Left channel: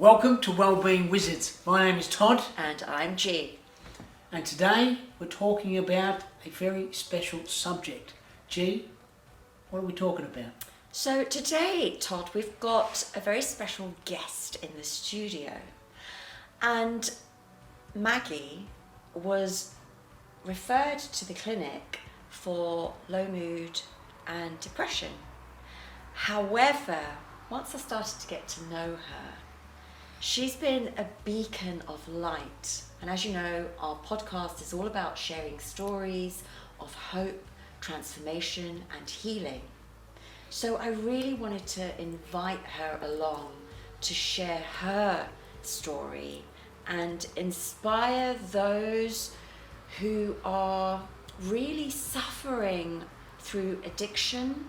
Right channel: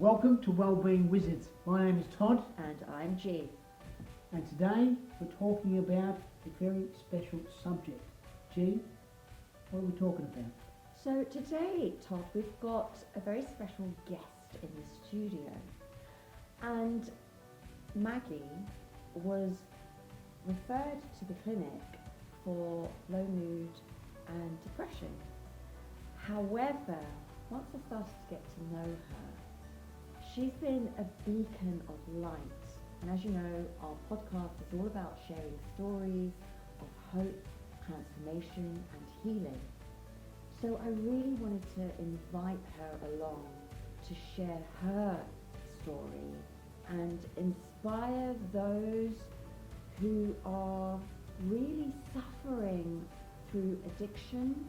Welcome to Wellbeing Wizards. My name is Todd. And I'm G. And today we're talking about a very special subject. G, what are we talking about? So today, Todd, we've got a very special guest in the studio. And Maggie was referred to the clinic for low mood and depression. However, once I started to get to know her, she's been a beacon of light. And as you know, our podcast is all about sharing stories of hope, transformation, and healing. So I really wanted to invite her along to share her story and inspire those who are really suffering through addiction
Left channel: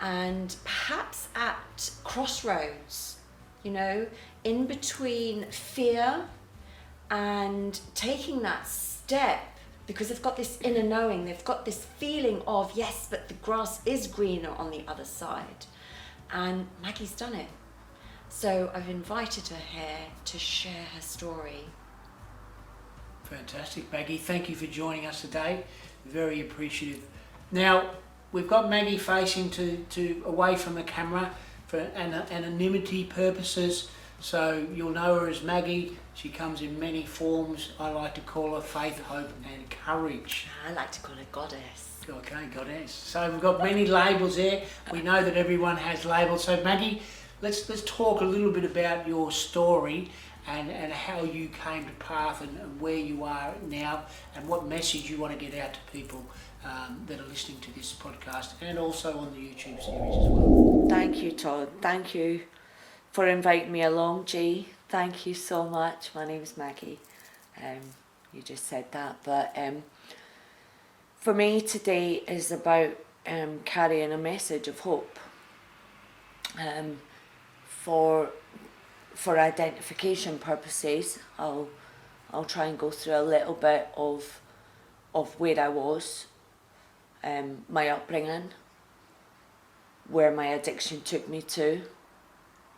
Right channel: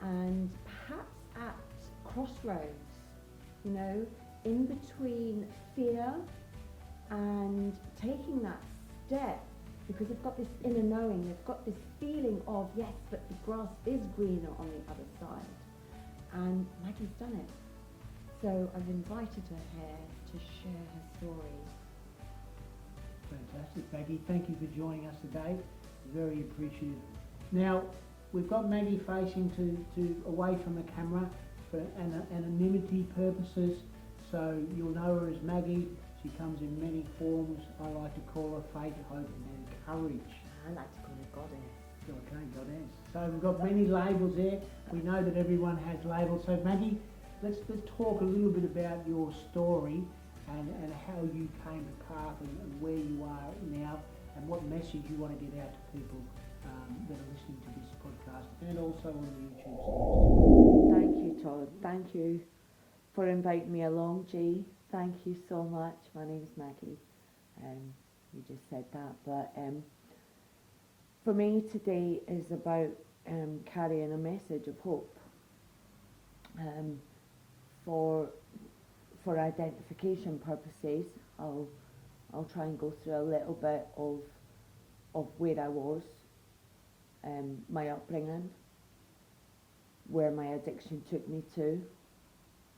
and perhaps at crossroads, in between fear and taking that step, because they've got this inner knowing, they've got this feeling of, yes, but the grass is greener on the other side. And Maggie's done it. So I've invited her here to share her story. Fantastic, Maggie. Thank you for joining us today. Very appreciative. Now, we've got Maggie facing to away from the camera for anonymity purposes. So you'll know her as Maggie. She comes in many forms. I like to call her faith, hope and courage. I like to call her goddess. Okay, goddess. So we've got many labels there. We know that everyone has labels. So Maggie, let's talk a little bit about your story and how you came to path and where you are now and what message you want to get out to people that are listening to this podcast and also on the YouTube series as well. Thank you, Todd. Thank you for inviting me along, G. Thank you so much. My name's Maggie. You just said that, but for me today is about carrying a message of hope. For identification purposes, I'll try and go through a little bit of where I was, my upbringing, where my addiction took me to,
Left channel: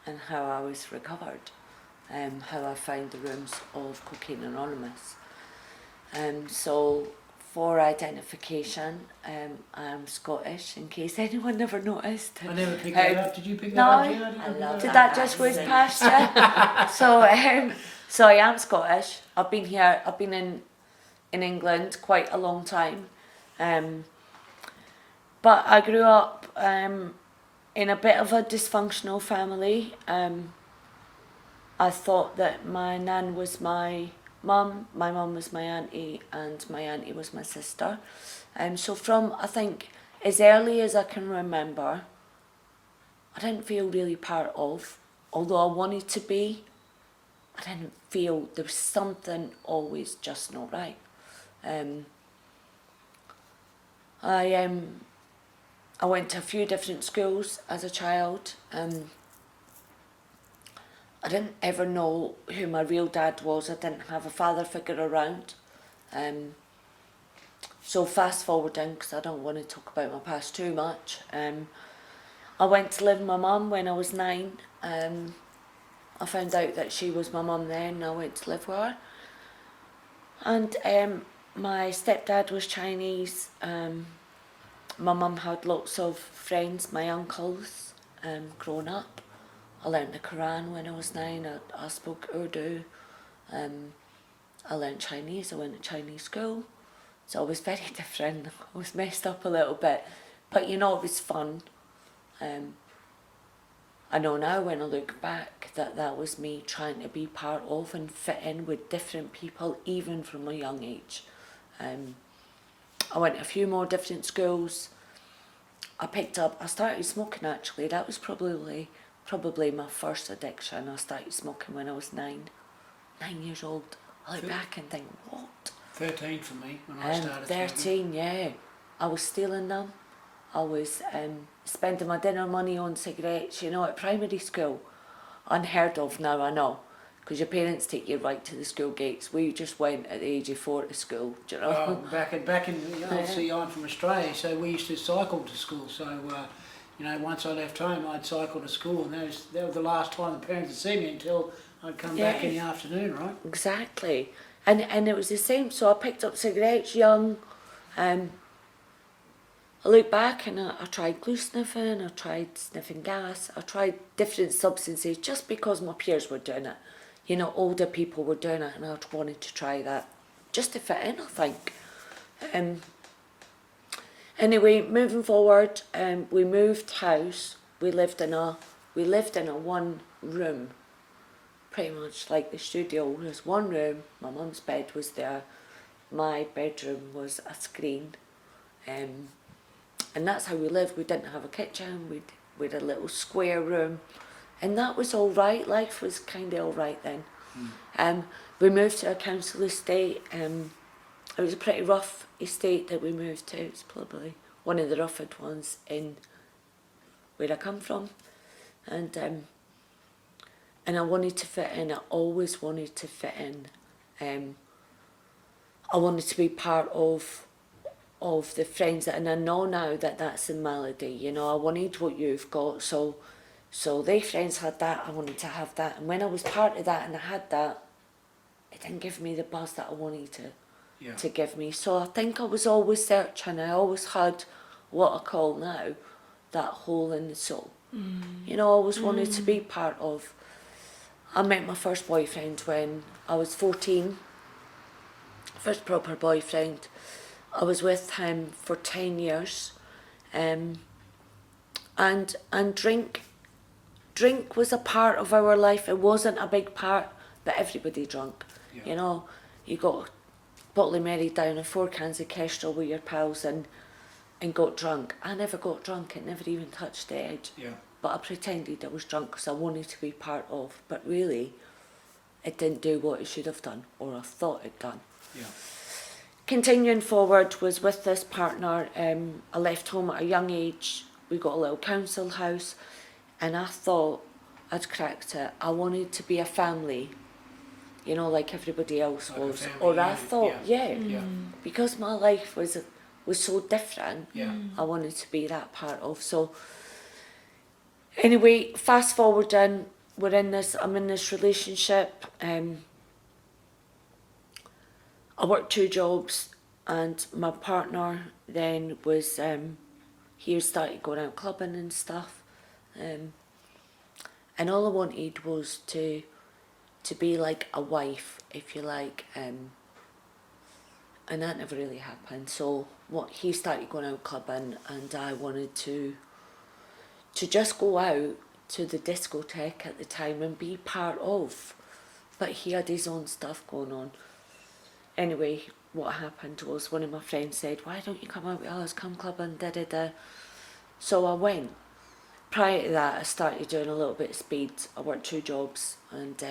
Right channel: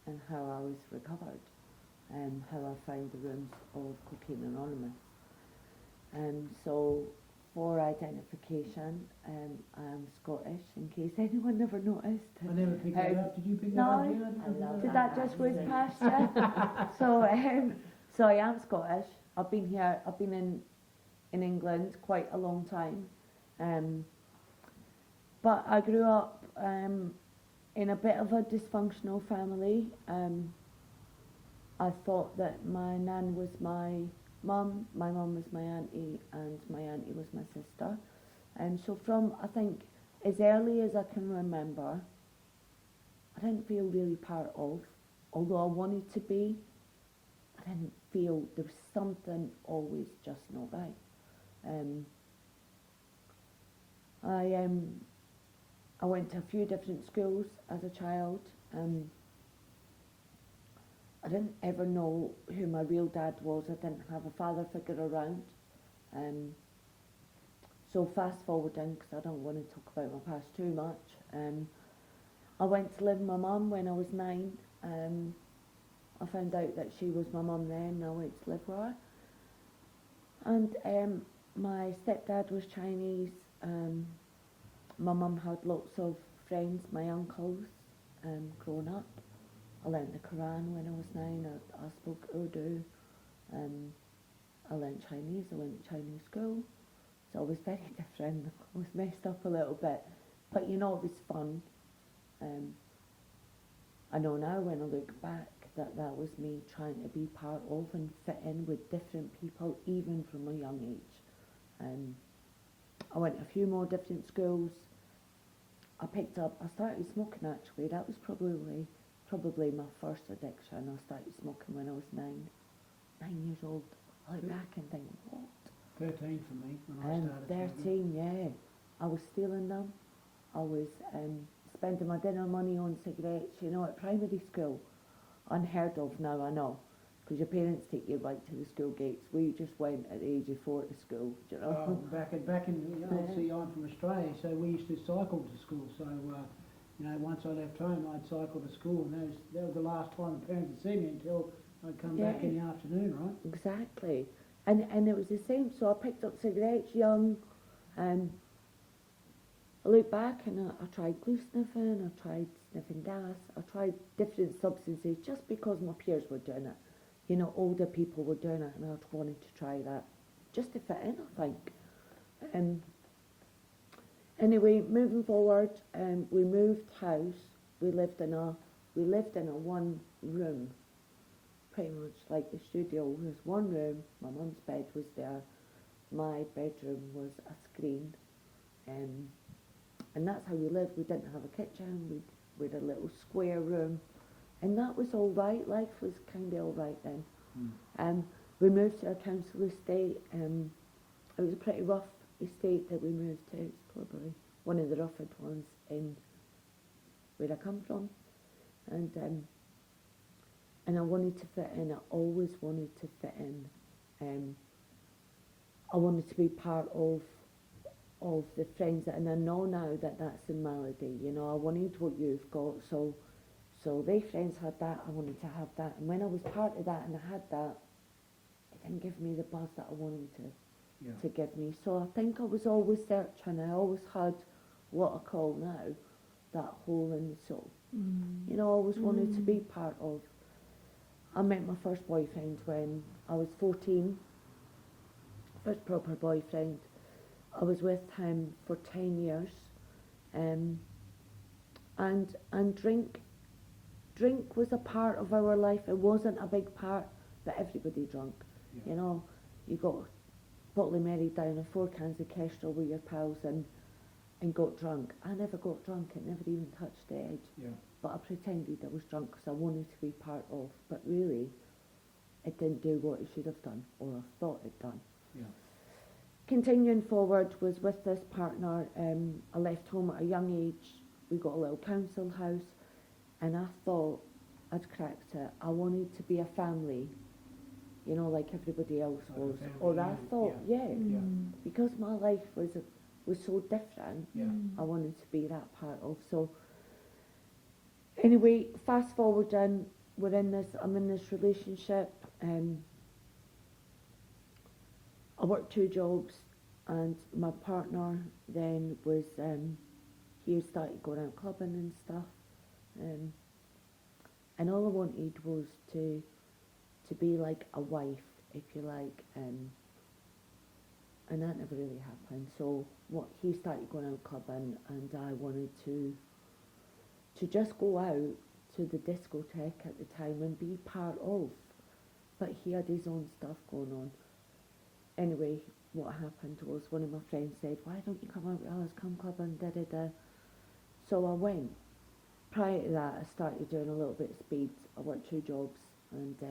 and how I was recovered. How I found the rooms of Cocaine Anonymous. So for identification, I'm Scottish, in case anyone never noticed. I never picked that up. Did you pick that No, up? Yeah, I love did that that just whiz accent. past you? So I am Scottish. I've been in England quite a long time. But I grew up in a bit of a dysfunctional family. I thought that my nan was my mum was my auntie, and my auntie was my sister. So from, I think, as early as I can remember, I didn't feel really part of, although I wanted to be. I didn't feel there was something always just not right. I went to a few different schools as a child. I didn't ever know who my real dad was. I didn't have a father figure around. So fast forwarding, because I don't want to talk about my past too much. I went to live with my mum when I was 9. I found out that she was my mum then, and I went to live with her. And my stepdad was Chinese. My mum had lots of friends, my uncles, growing up. I learned the Quran when I was 9. I spoke Urdu. I learned Chinese. I went to Chinese school. So I was very different. I was messed up a little bit. But it was fun. I know now when I look back that was me trying to be part of and fit in with different people, even from a young age. I went to a few more different schools. I started smoking actually. That was probably my first addiction. I started smoking when I was 9 years old. I look back and think, what? 13 for me when I started. 13, yeah. I was stealing them. I was spending my dinner money on cigarettes, at primary school. Unheard of now, I know. Because your parents take you right to the school gates. We just went at the age of 4 to school, do you know? Back in obviously I'm from Australia, so we used to cycle to school. So You know, once I left home, I'd cycle to school, and that was the last time the parents would see me until I'd come back in the afternoon, right? Exactly. And it was the same. So I picked up cigarettes young. I look back and I tried glue sniffing, I tried sniffing gas, I tried different substances just because my peers were doing it. You know, older people were doing it, and I wanted to try that just to fit in, I think. Anyway, moving forward, we moved house. We lived in a one room, pretty much like the studio. There was one room. My mum's bed was there. My bedroom was a screen, and that's how we lived. We didn't have a kitchen. We had a little square room, and that was all right. Life was kind of all right then. We moved to a council estate. It was a pretty rough estate that we moved to. It's probably one of the roughest ones in where I come from, and I wanted to fit in. I always wanted to fit in. I wanted to be part of the friends that, and I know now that that's a malady. You know, I wanted what you've got. So they friends had that. I wanted to have that, and when I was part of that and I had that, it didn't give me the buzz that I wanted to give me. So I think I was always searching. I always had what I call now that hole in the soul. You know, I always wanted to be part of. I met my first boyfriend when I was 14. First proper boyfriend. I was with him for 10 years. And drink was a part of our life. It wasn't a big part, but everybody drank. Yeah. You know, you got a bottle of Mary down and 4 cans of Kestrel with your pals and got drunk. I never got drunk. It never even touched the edge. Yeah. But I pretended I was drunk because I wanted to be part of. But really, it didn't do what it should have done, or I thought it done. Yeah. Continuing forward was with this partner. I left home at a young age. We got a little council house, and I thought I'd cracked it. I wanted to be a family, you know, like everybody else Like a was. family Or I unit, thought, yeah. because my life was so different. Yeah. I wanted to be that part of. So anyway, fast forwarding, I'm in this relationship. I worked 2 jobs, and my partner then was he started going out clubbing and stuff, and all I wanted was to be like a wife, if you like, and that never really happened. So he started going out clubbing, and I wanted to just go out to the discotheque at the time and be part of, but he had his own stuff going on. Anyway, what happened was one of my friends said, "Why don't you come out with us, come clubbing, da-da-da." So I went. Prior to that, I started doing a little bit of speed. I worked 2 jobs, and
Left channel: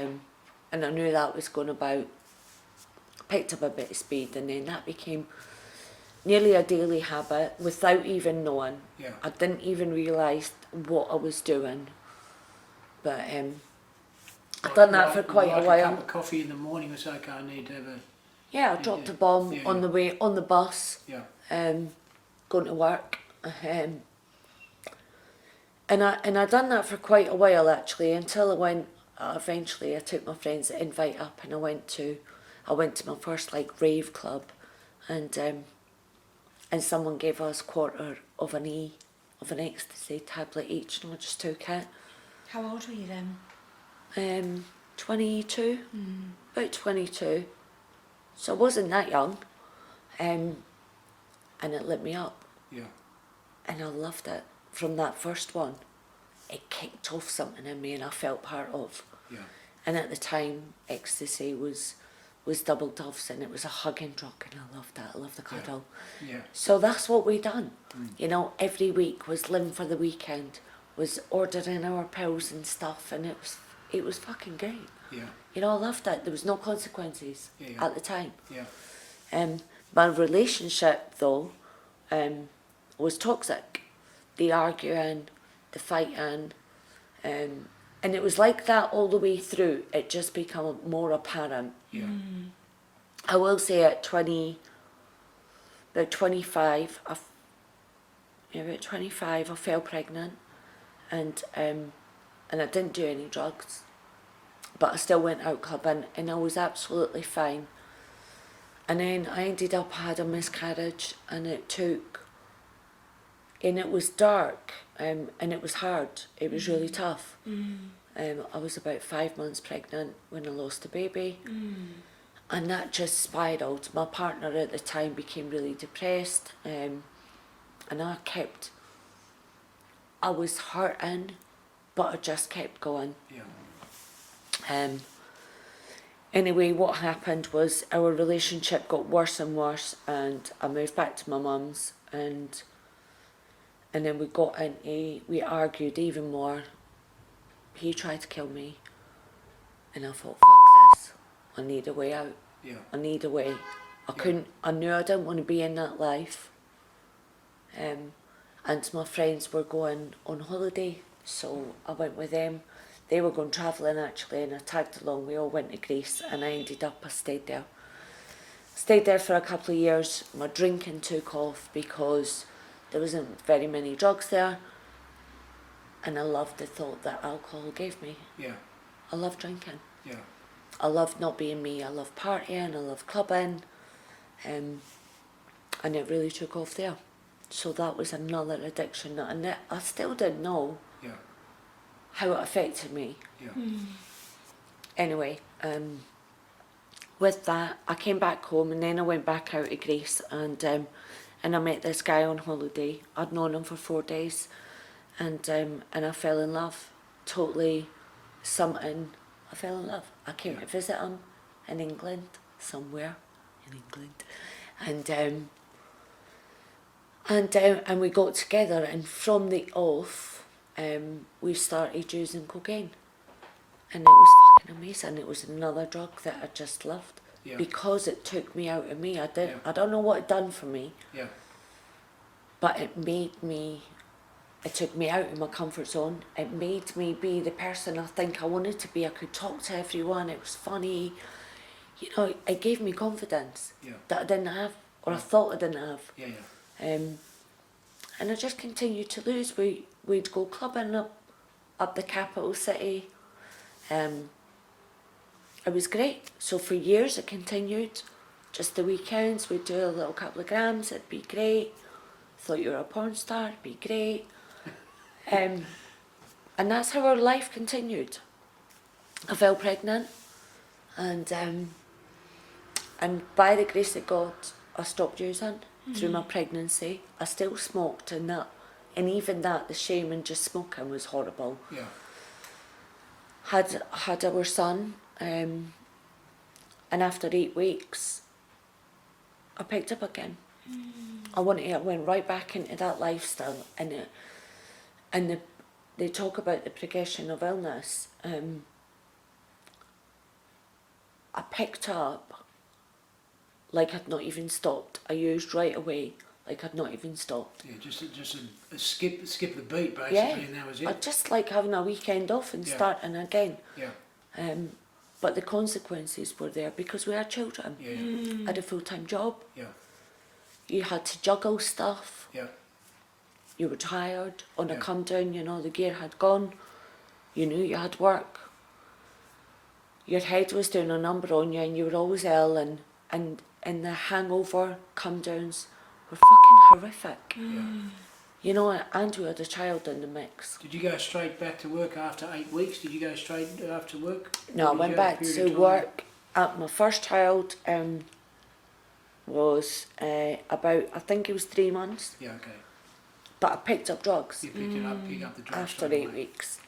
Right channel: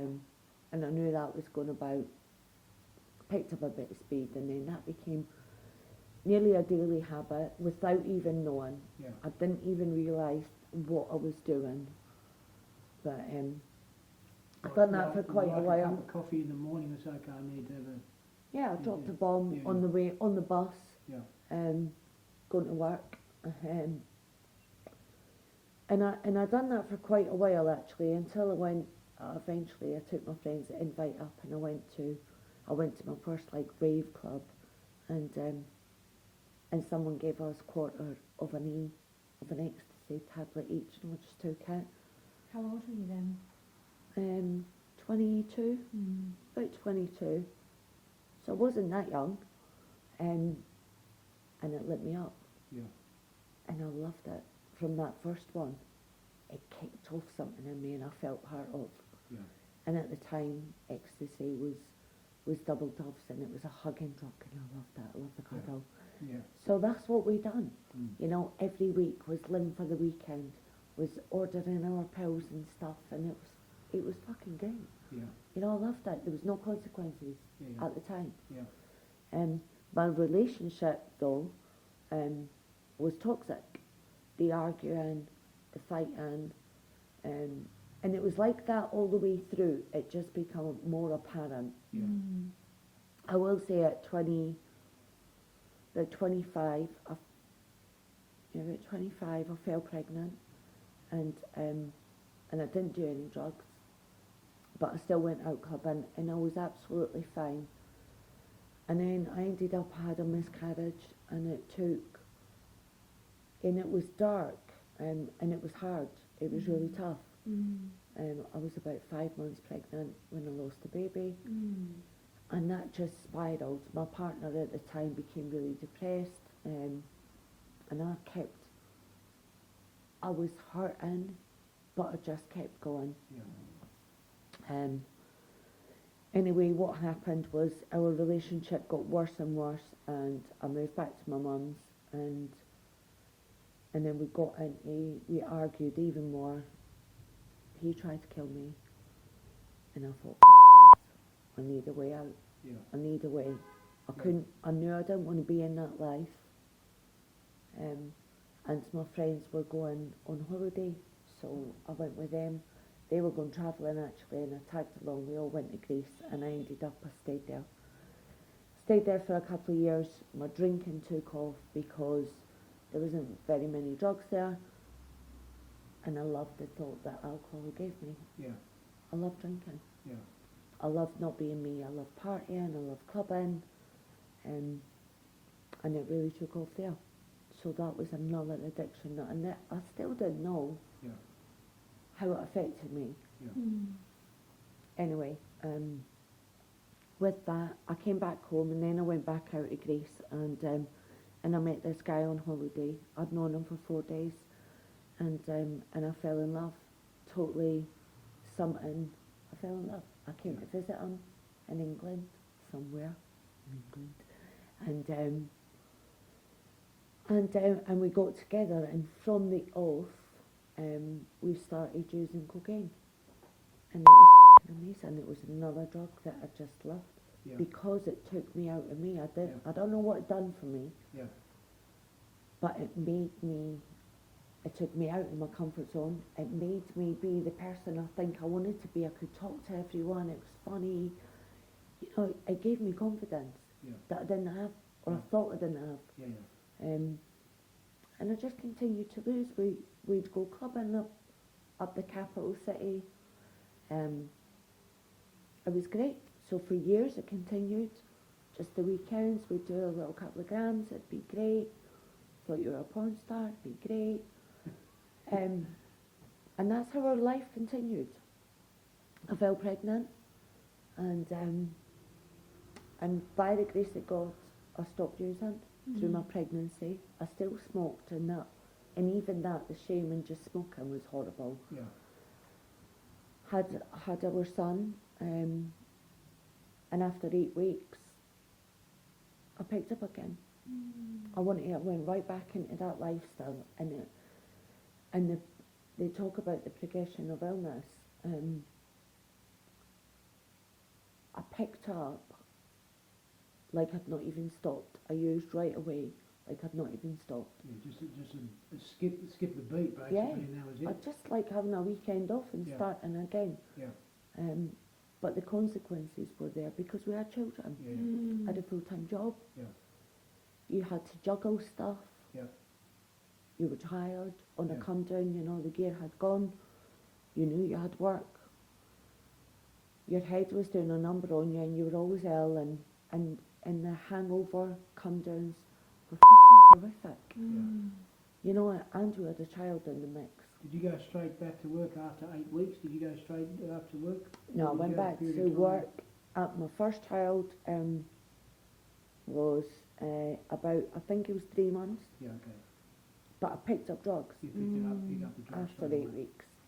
I knew that was going about. Picked up a bit of speed, and then that became nearly a daily habit without even knowing. Yeah. I didn't even realise what I was doing. But I'd done that for quite a while. A cup of coffee in the morning was okay. I need to have a... Yeah, I dropped a bomb on the way, on the bus, going to work. And I done that for quite a while actually, until eventually I took my friend's invite up, and I went to my first like rave club, and someone gave us a quarter of an ecstasy tablet each, and I just took it. How old were you then? 22, about 22. So I wasn't that young, and it lit me up. Yeah. And I loved it. From that first one, it kicked off something in me, and I felt part of. Yeah. And at the time, ecstasy was double doves, and it was a hugging drug, and I loved that. I loved the cuddle. Yeah. So that's what we done. You know, every week was living for the weekend, was ordering our pills and stuff, and it was fucking great. Yeah. You know, I loved it. There was no consequences at the time. Yeah. My relationship though, was toxic. The arguing, the fighting, and it was like that all the way through. It just became more apparent. Yeah. I will say at about 25, about 25, I fell pregnant, and I didn't do any drugs, but I still went out clubbing, and I was absolutely fine. And then I ended up had a miscarriage, and it was dark, and it was hard. It was really tough. I was about 5 months pregnant when I lost the baby, and that just spiraled. My partner at the time became really depressed, and I was hurting, but I just kept going. Yeah. Anyway, what happened was our relationship got worse and worse, and I moved back to my mum's, and then we argued even more. He tried to kill me, and I thought, fuck this, I need a way out. Yeah. I need a way. I knew I didn't want to be in that life. And my friends were going on holiday, so I went with them. They were going travelling actually, and I tagged along. We all went to Greece, and I stayed there. Stayed there for a couple of years. My drinking took off because there wasn't very many drugs there, and I loved the thought that alcohol gave me. Yeah. I love drinking. Yeah. I love not being me. I love partying. I love clubbing, and it really took off there. So that was another addiction that I still didn't know Yeah. how it affected me. Yeah. Anyway, with that, I came back home, and then I went back out to Greece, and I met this guy on holiday. I'd known him for 4 days, and I fell in love. Totally something. I fell in love. I came to visit him in England, somewhere in England, and we got together, and from the off, we started using cocaine, and it was fucking amazing. It was another drug that I just loved, because it took me out of me. I don't know what it done for me, but it took me out of my comfort zone. It made me be the person I think I wanted to be. I could talk to everyone. It was funny. You know, it gave me confidence that I didn't have, or I thought I didn't have. And I just continued to lose. We'd go clubbing up the capital city. It was great. So for years it continued. Just the weekends we'd do a little couple of grams. It'd be great. Thought you were a porn star. It'd be great. And that's how our life continued. I fell pregnant, and by the grace of God, I stopped using through my pregnancy. I still smoked, and even that, the shame in just smoking was horrible. Had our son, and after 8 weeks, I picked up again. I went right back into that lifestyle, and they talk about the progression of illness. I picked up like I'd not even stopped. I used right away like I'd not even stopped. Yeah, just a skip the beat basically, and that was it. I just like having a weekend off and starting again. But the consequences were there because we had children. I had a full-time job. You had to juggle stuff. You were tired on a come down, you know, the gear had gone. You knew you had work. Your head was doing a number on you, and you were always ill, and the hangover come downs were fucking horrific. You know, and we had a child in the mix. Did you go straight back to work after 8 weeks? Did you go straight after work? No, I went back to work. My first child was about, I think it was 3 months. But I picked up drugs. You picked up the drugs after 8 weeks.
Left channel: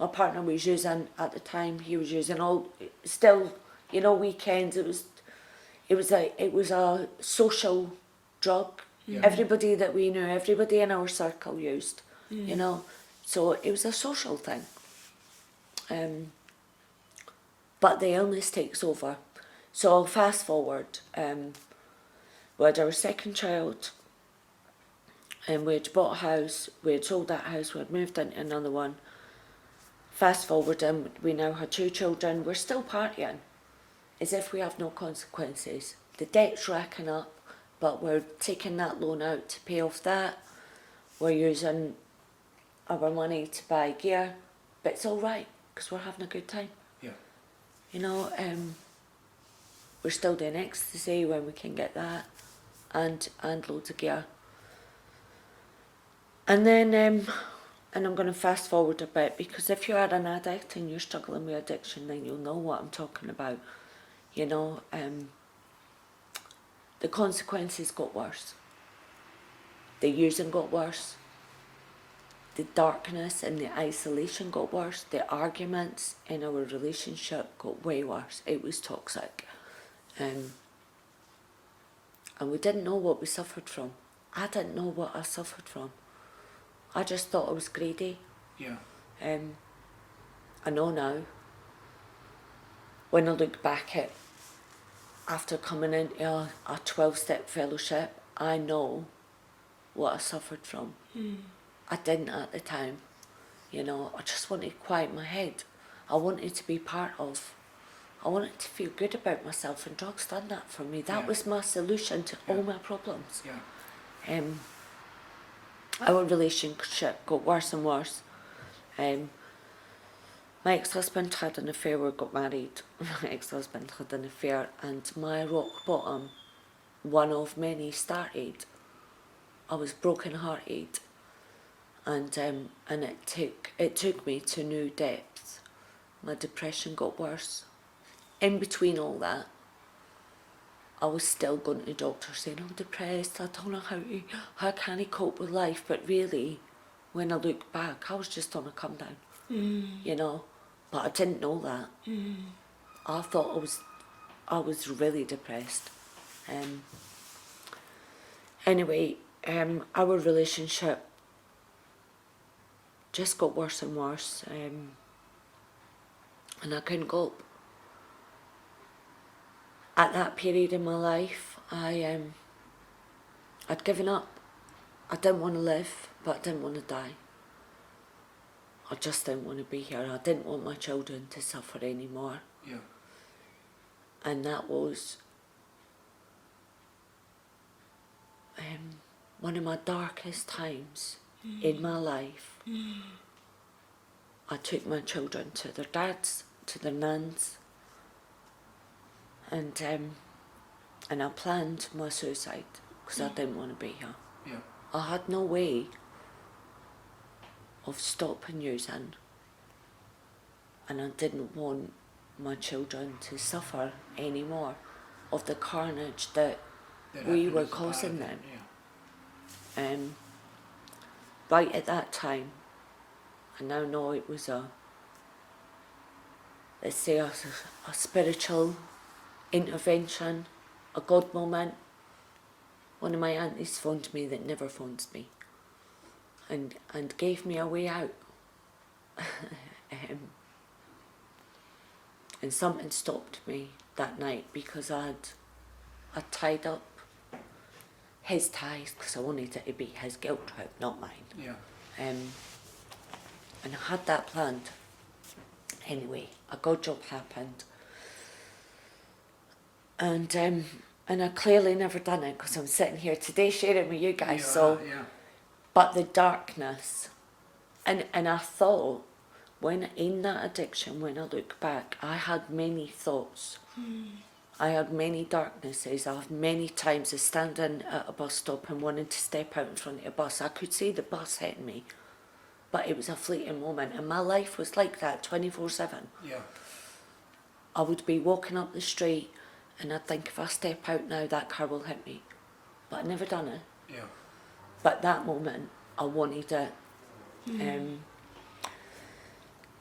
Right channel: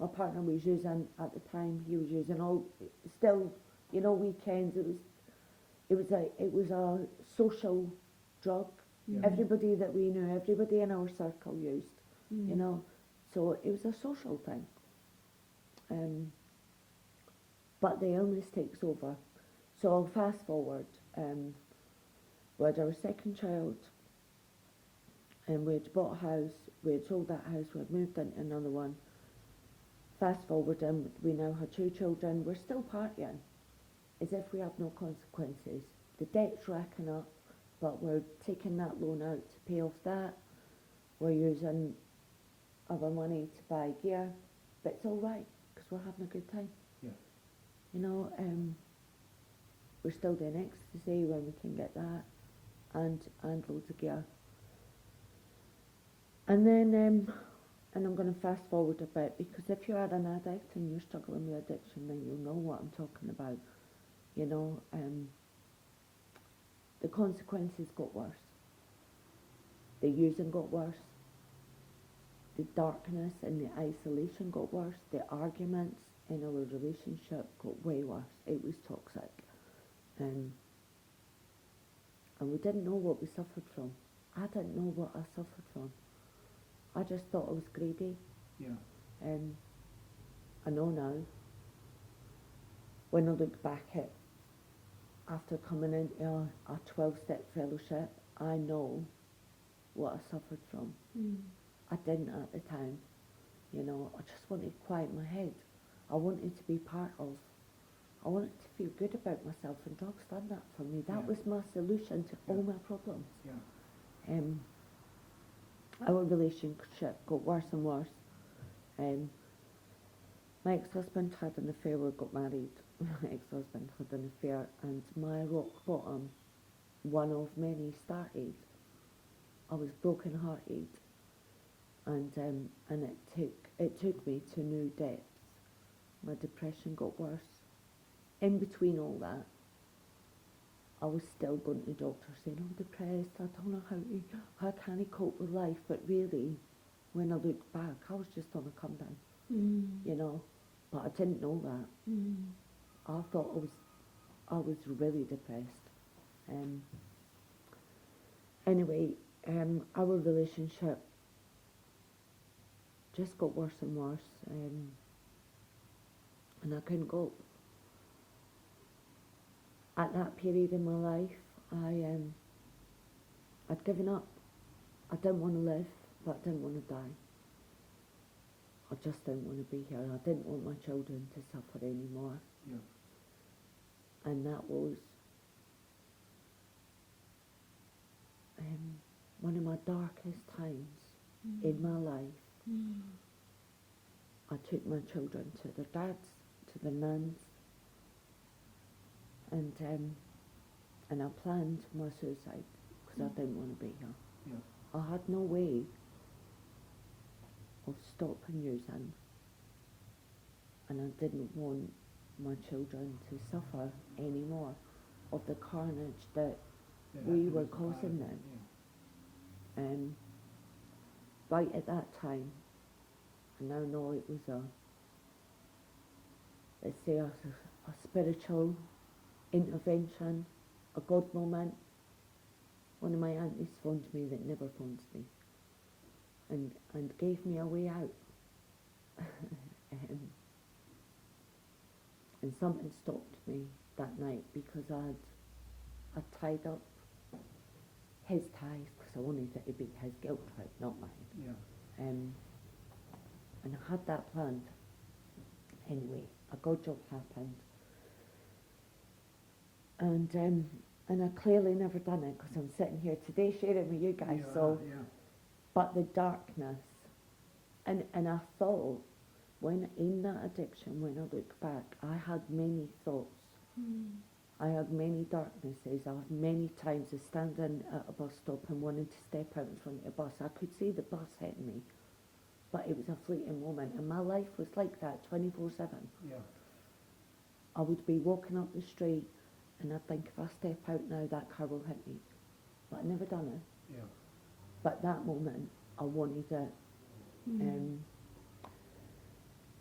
My partner was using at the time. He was using still, you know, weekends. It was a social drug. Everybody that we knew, everybody in our circle used. You know, so it was a social thing. But the illness takes over. So I'll fast forward. We had our second child. And we had bought a house, we had sold that house, we had moved into another one. Fast forward, and we now had 2 children. We're still partying, as if we have no consequences. The debt's racking up, but we're taking that loan out to pay off that. We're using our money to buy gear, but it's all right because we're having a good time. Yeah. You know, we're still doing ecstasy when we can get that, and loads of gear. And then, and I'm going to fast forward a bit, because if you are an addict and you're struggling with addiction, then you'll know what I'm talking about. You know, the consequences got worse. The using got worse. The darkness and the isolation got worse. The arguments in our relationship got way worse. It was toxic. And we didn't know what we suffered from. I didn't know what I suffered from. I just thought I was greedy. Yeah. I know now, when I look back at, after coming into a 12-step fellowship, I know what I suffered from. I didn't at the time. You know, I just wanted to quiet my head. I wanted to be part of. I wanted to feel good about myself, and drugs done that for me. That was my solution to all my problems. Yeah. Our relationship got worse and worse. My ex-husband had an affair. We got married. My ex-husband had an affair, and my rock bottom, one of many, started. I was broken-hearted, and it took me to new depths. My depression got worse. In between all that, I was still going to the doctor saying, I'm depressed, I don't know how can I cope with life. But really, when I look back, I was just on a come down, you know. But I didn't know that. I thought I was really depressed. Anyway, our relationship just got worse and worse, and I couldn't cope. At that period in my life, I'd given up. I didn't want to live, but I didn't want to die. I just didn't want to be here. I didn't want my children to suffer anymore. Yeah. And that was one of my darkest times in my life. I took my children to their dads, to their nans, and I planned my suicide because I didn't want to be here. Yeah. I had no way of stopping using, and I didn't want my children to suffer anymore of the carnage that we were causing them. Yeah. Right at that time, I now know it was let's say a spiritual intervention, a God moment. One of my aunties phoned me that never phones me, and gave me a way out. And something stopped me that night, because I'd tied up his ties, because I wanted it to be his guilt trip, not mine. Yeah. And I had that planned. Anyway, a good job happened. And I clearly never done it, because I'm sitting here today sharing with you guys. But the darkness, and I thought, when in that addiction, when I look back, I had many thoughts. I had many darknesses. I had many times of standing at a bus stop and wanting to step out in front of a bus. I could see the bus hitting me, but it was a fleeting moment, and my life was like that 24/7. Yeah. I would be walking up the street, and I'd think, if I step out now, that car will hit me. But I'd never done it. Yeah. But that moment, I wanted it.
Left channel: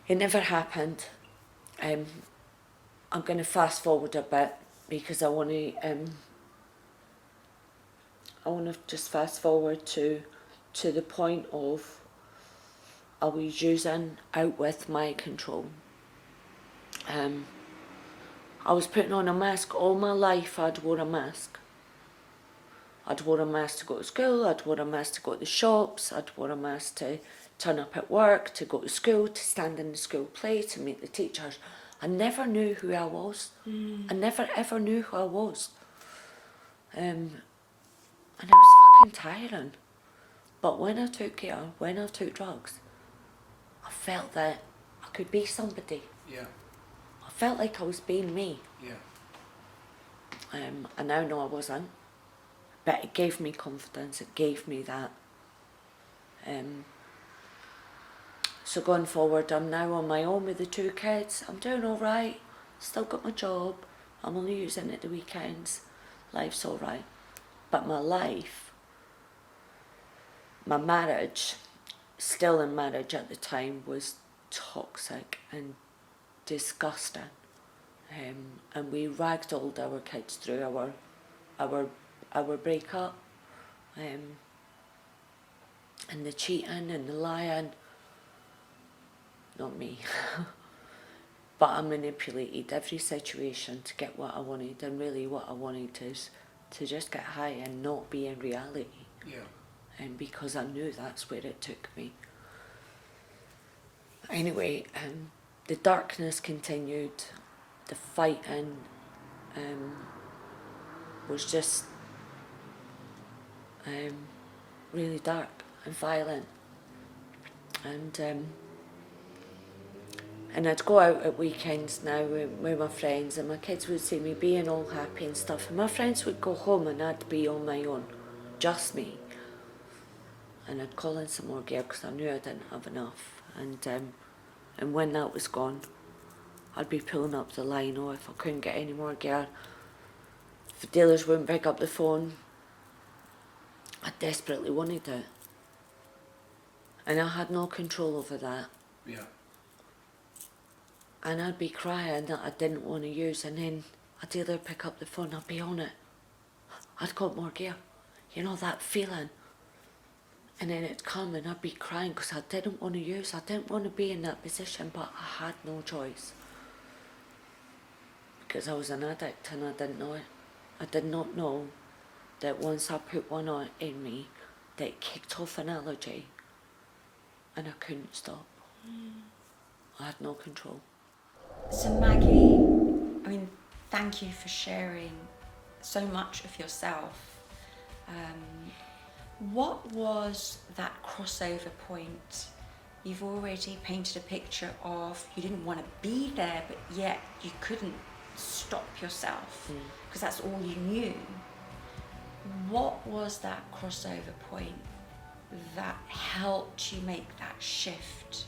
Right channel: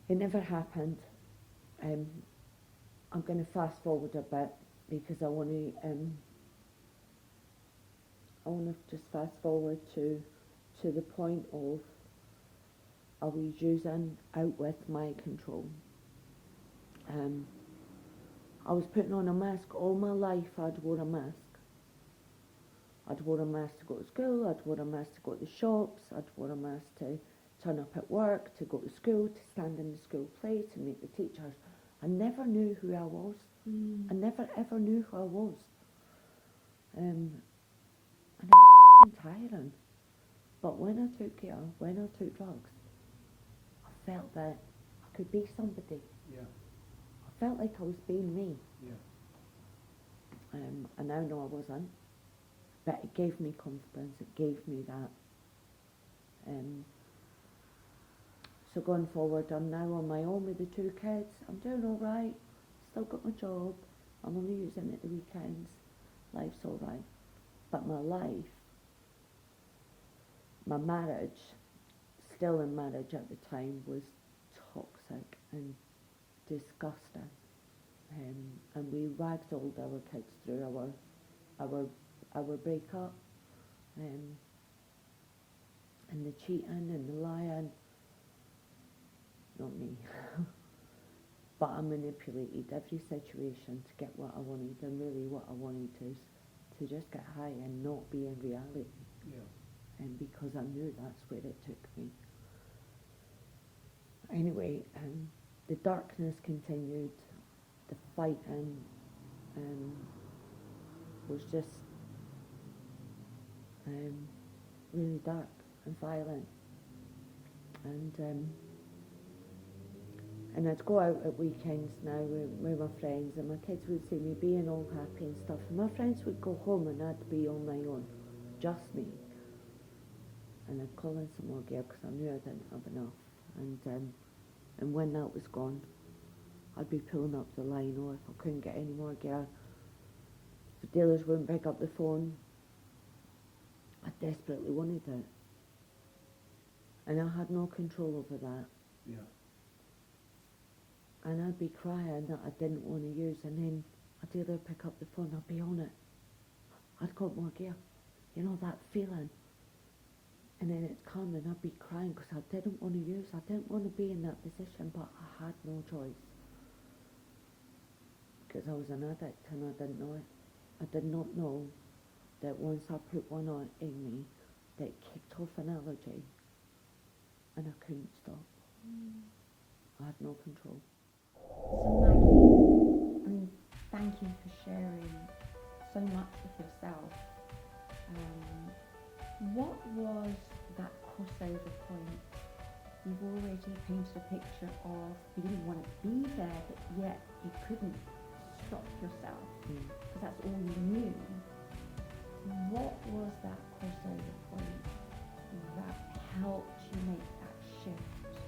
It never happened. I'm going to fast forward a bit, because I want to just fast forward to the point of I was using out with my control. I was putting on a mask all my life. I'd wore a mask. I'd wore a mask to go to school, I'd wore a mask to go to the shops, I'd wore a mask to turn up at work, to go to school, to stand in the school play, to meet the teachers. I never knew who I was. I never ever knew who I was. And it was fucking tiring. But when I took Gahir, when I took drugs, I felt that I could be somebody. Yeah. I felt like I was being me. Yeah. I now know I wasn't, but it gave me confidence, it gave me that. So going forward, I'm now on my own with the 2 kids. I'm doing all right, still got my job, I'm only using it the weekends, life's all right. But my life, my marriage, still in marriage at the time, was toxic and disgusting. And we ragdolled our kids through our breakup, and the cheating and the lying. Not me, but I manipulated every situation to get what I wanted, and really what I wanted is to just get high and not be in reality. Yeah. And because I knew that's where it took me. Anyway, the darkness continued. The fighting was just really dark and violent. And I'd go out at weekends now with my friends, and my kids would see me being all happy and stuff, and my friends would go home and I'd be on my own, just me. And I'd call in some more gear because I knew I didn't have enough. And when that was gone, I'd be pulling up the line, or if I couldn't get any more gear, if the dealers wouldn't pick up the phone, I desperately wanted it. And I had no control over that. Yeah. And I'd be crying that I didn't want to use, and then a dealer would pick up the phone, I'd be on it. I'd got more gear. You know, that feeling. And then it'd come and I'd be crying because I didn't want to use, I didn't want to be in that position, but I had no choice. Because I was an addict and I didn't know it. I did not know that once I put one on in me, that it kicked off an allergy and I couldn't stop. I had no control. So Maggie, I mean, thank you for sharing so much of yourself. What was that crossover point? You've already painted a picture of you didn't want to be there, but yet you couldn't stop yourself because that's all you knew. What was that crossover point that helped you make that shift?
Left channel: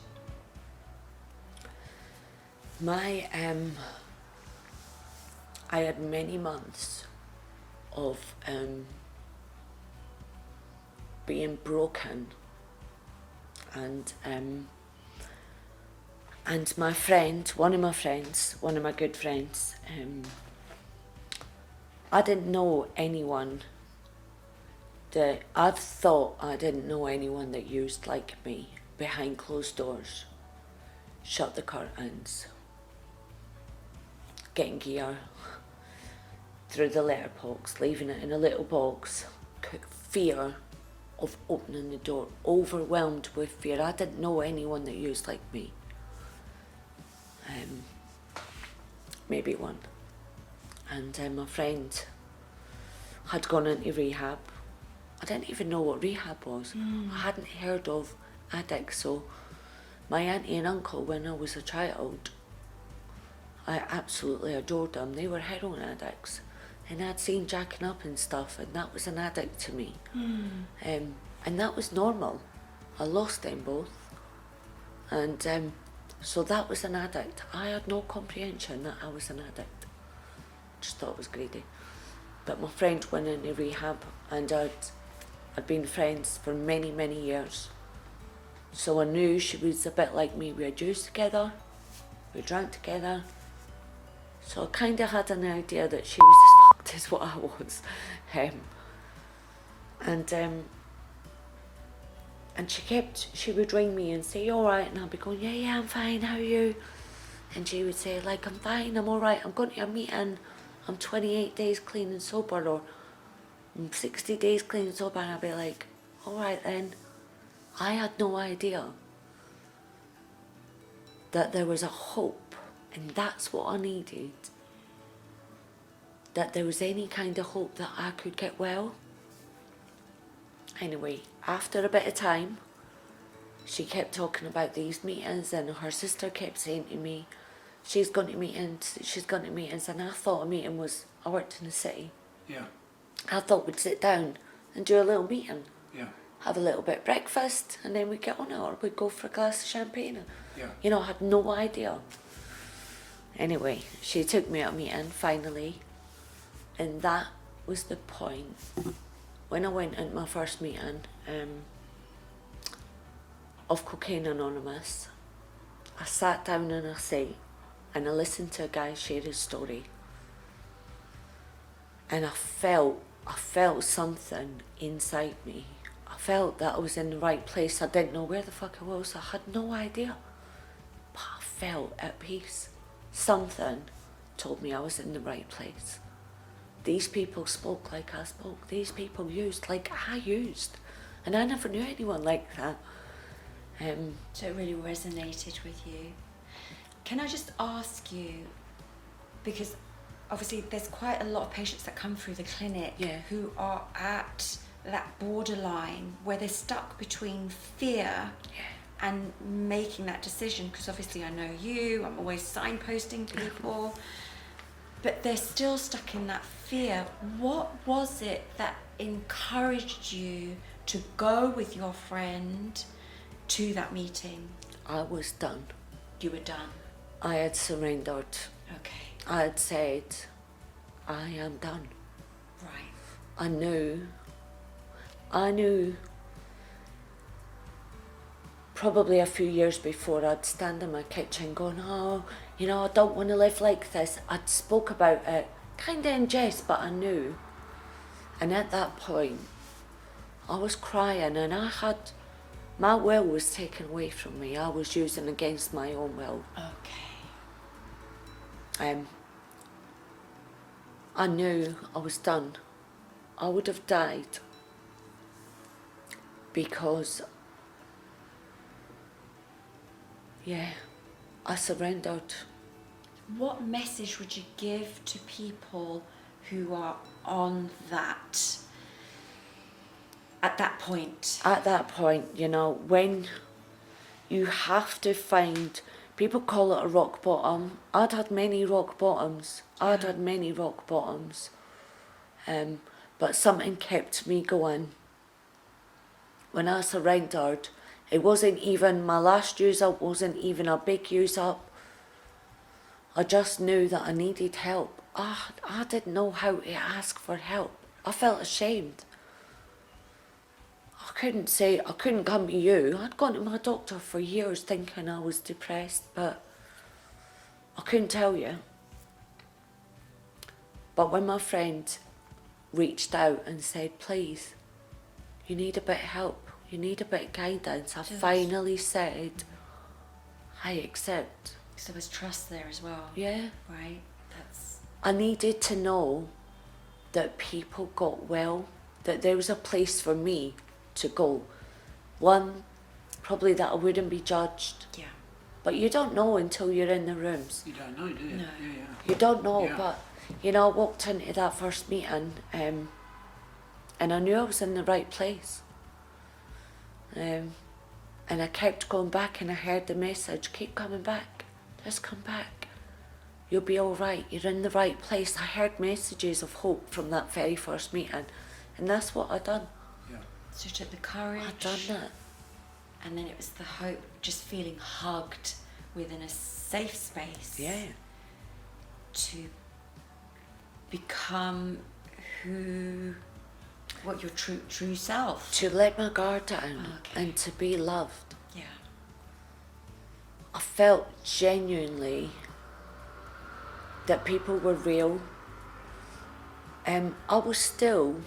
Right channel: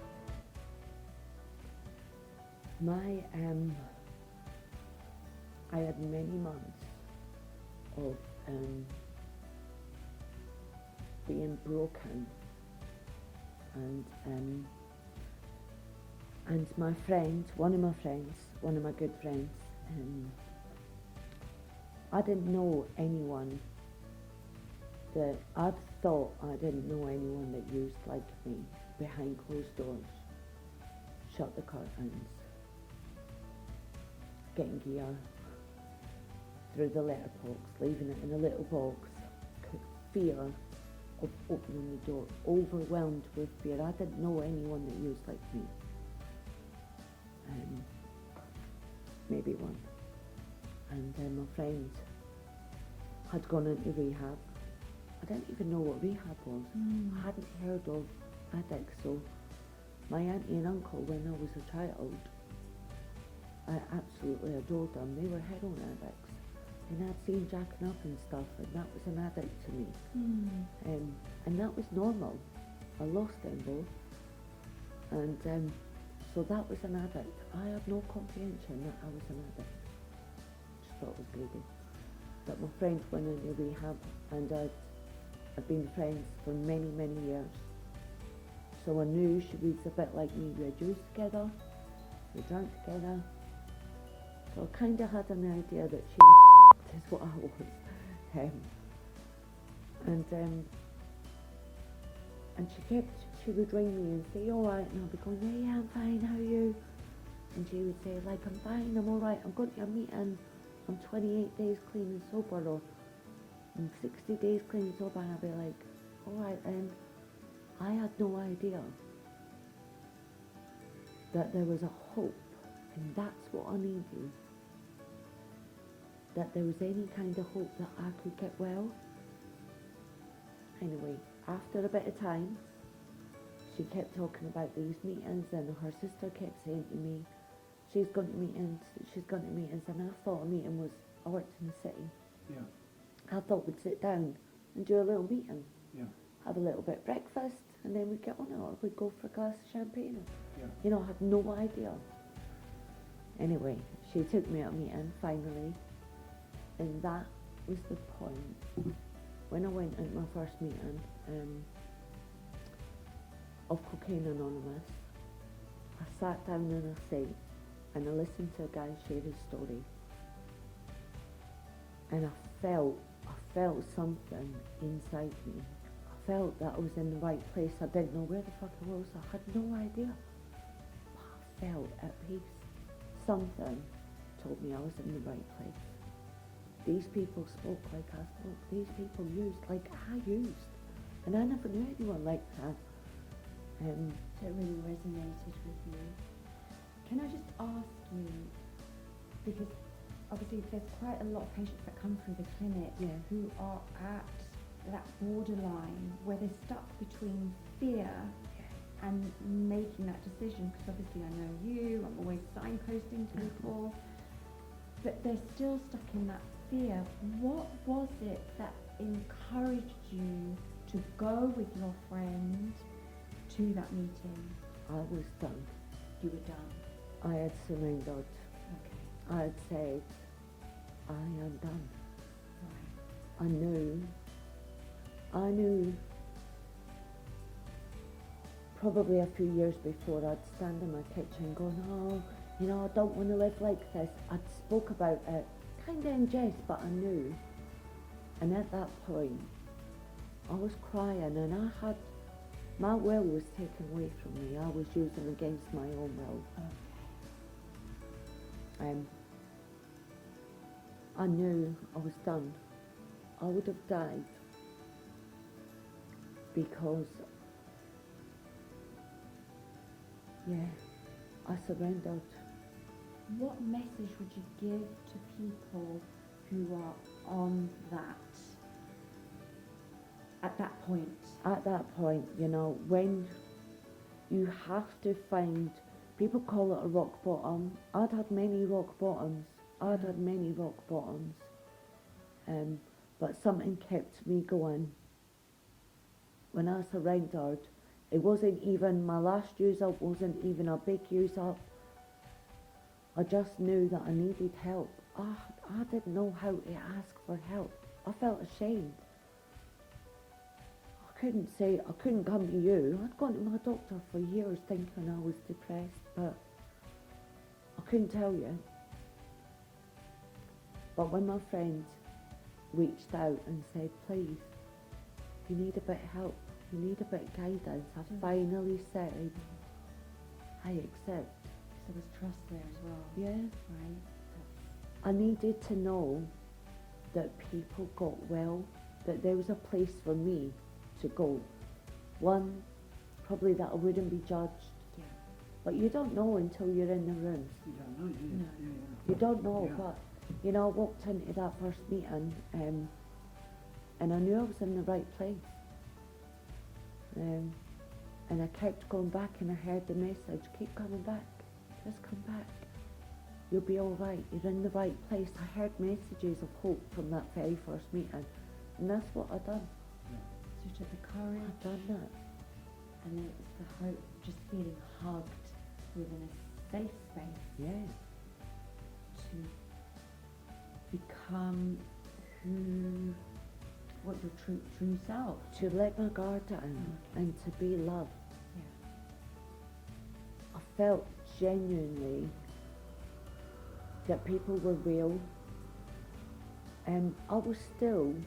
I had many months of being broken, and my friend, one of my good friends, I didn't know anyone that I thought I didn't know anyone that used like me behind closed doors, shut the curtains, getting gear through the letterbox, leaving it in a little box, fear of opening the door, overwhelmed with fear. I didn't know anyone that used like me. Maybe one. And my friend had gone into rehab. I didn't even know what rehab was. I hadn't heard of addicts. So my auntie and uncle, when I was a child, I absolutely adored them. They were heroin addicts. And I'd seen jacking up and stuff, and that was an addict to me. And that was normal. I lost them both. And so that was an addict. I had no comprehension that I was an addict. Just thought it was greedy. But my friend went into rehab, and I'd been friends for many, many years. So I knew she was a bit like me. We had used together, we drank together. So I kind of had an idea that she was as fucked as what I was. And she would ring me and say, "You all right?" And I'd be going, yeah, I'm fine, how are you? And she would say, like, "I'm fine, I'm all right, I'm going to a meeting, I'm 28 days clean and sober," or "I'm 60 days clean and sober," and I'd be like, "All right then." I had no idea that there was a hope, and that's what I needed. That there was any kind of hope that I could get well. Anyway, after a bit of time, she kept talking about these meetings, and her sister kept saying to me, she's going to meetings, and I thought a meeting was, I worked in the city. Yeah. I thought we'd sit down and do a little meeting. Yeah. Have a little bit of breakfast, and then we'd get on it, or we'd go for a glass of champagne. Yeah. You know, I had no idea. Anyway, she took me out a meeting, finally, and that was the point. When I went into my first meeting of Cocaine Anonymous, I sat down in a seat and I listened to a guy share his story, and I felt something inside me. I felt that I was in the right place. I didn't know where the fuck I was. I had no idea, but I felt at peace. Something told me I was in the right place. These people spoke like I spoke. These people used like I used, and I never knew anyone like that. So it really resonated with you. Can I just ask you, because obviously there's quite a lot of patients that come through the clinic who are at that borderline where they're stuck between fear and making that decision, because obviously I know you, I'm always signposting people, but they're still stuck in that fear. What was it that encouraged you to go with your friend to that meeting? I was done. You were done. I had surrendered. Okay. I had said, I am done. Right. I knew probably a few years before, I'd stand in my kitchen going, oh, you know, I don't want to live like this. I'd spoke about it, kind of in jest, but I knew. And at that point, I was crying, and my will was taken away from me. I was using against my own will. Okay. I knew I was done. I would have died because, I surrendered. What message would you give to people who are on that, at that point? At that point, you know, when you have to find, people call it a rock bottom. I'd had many rock bottoms. But something kept me going. When I surrendered, it wasn't even my last use up, wasn't even a big use up. I just knew that I needed help. I didn't know how to ask for help. I felt ashamed. I couldn't come to you. I'd gone to my doctor for years thinking I was depressed, but I couldn't tell you. But when my friend reached out and said, please, you need a bit of help, you need a bit of guidance, I finally said, I accept. So there was trust there as well. Yeah. Right. I needed to know that people got well, that there was a place for me to go. One, probably that I wouldn't be judged. Yeah. But you don't know until you're in the rooms. You don't know, do you? No. Yeah. You don't know, Yeah. but, you know, I walked into that first meeting and I knew I was in the right place. And I kept going back, and I heard the message, keep coming back, just come back. You'll be all right, you're in the right place. I heard messages of hope from that very first meeting, and that's what I done. Yeah. So you took the courage. I done that. And then it was the hope, just feeling hugged within a safe space. Yeah. To become what your true self. To let my guard down and to be loved. Yeah. I felt genuinely that people were real. I was still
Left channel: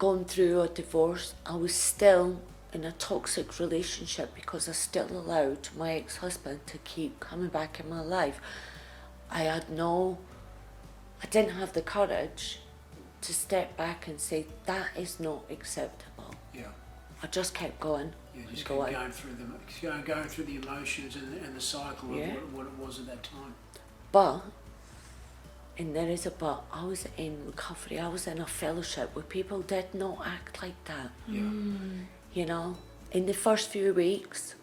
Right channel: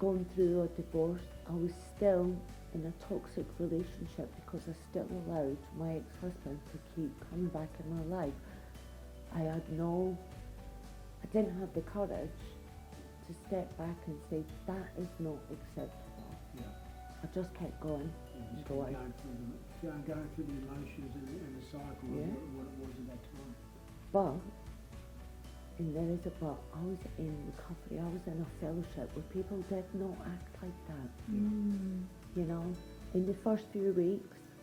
going through a divorce. I was still in a toxic relationship because I still allowed my ex-husband to keep coming back in my life. I didn't have the courage to step back and say, that is not acceptable. Yeah. I just kept going. Yeah, just and going. going through the emotions and the cycle of Yeah. what it was at that time. But And there is a but. I was in recovery. I was in a fellowship where people did not act like that. Yeah. You know, in the first few weeks,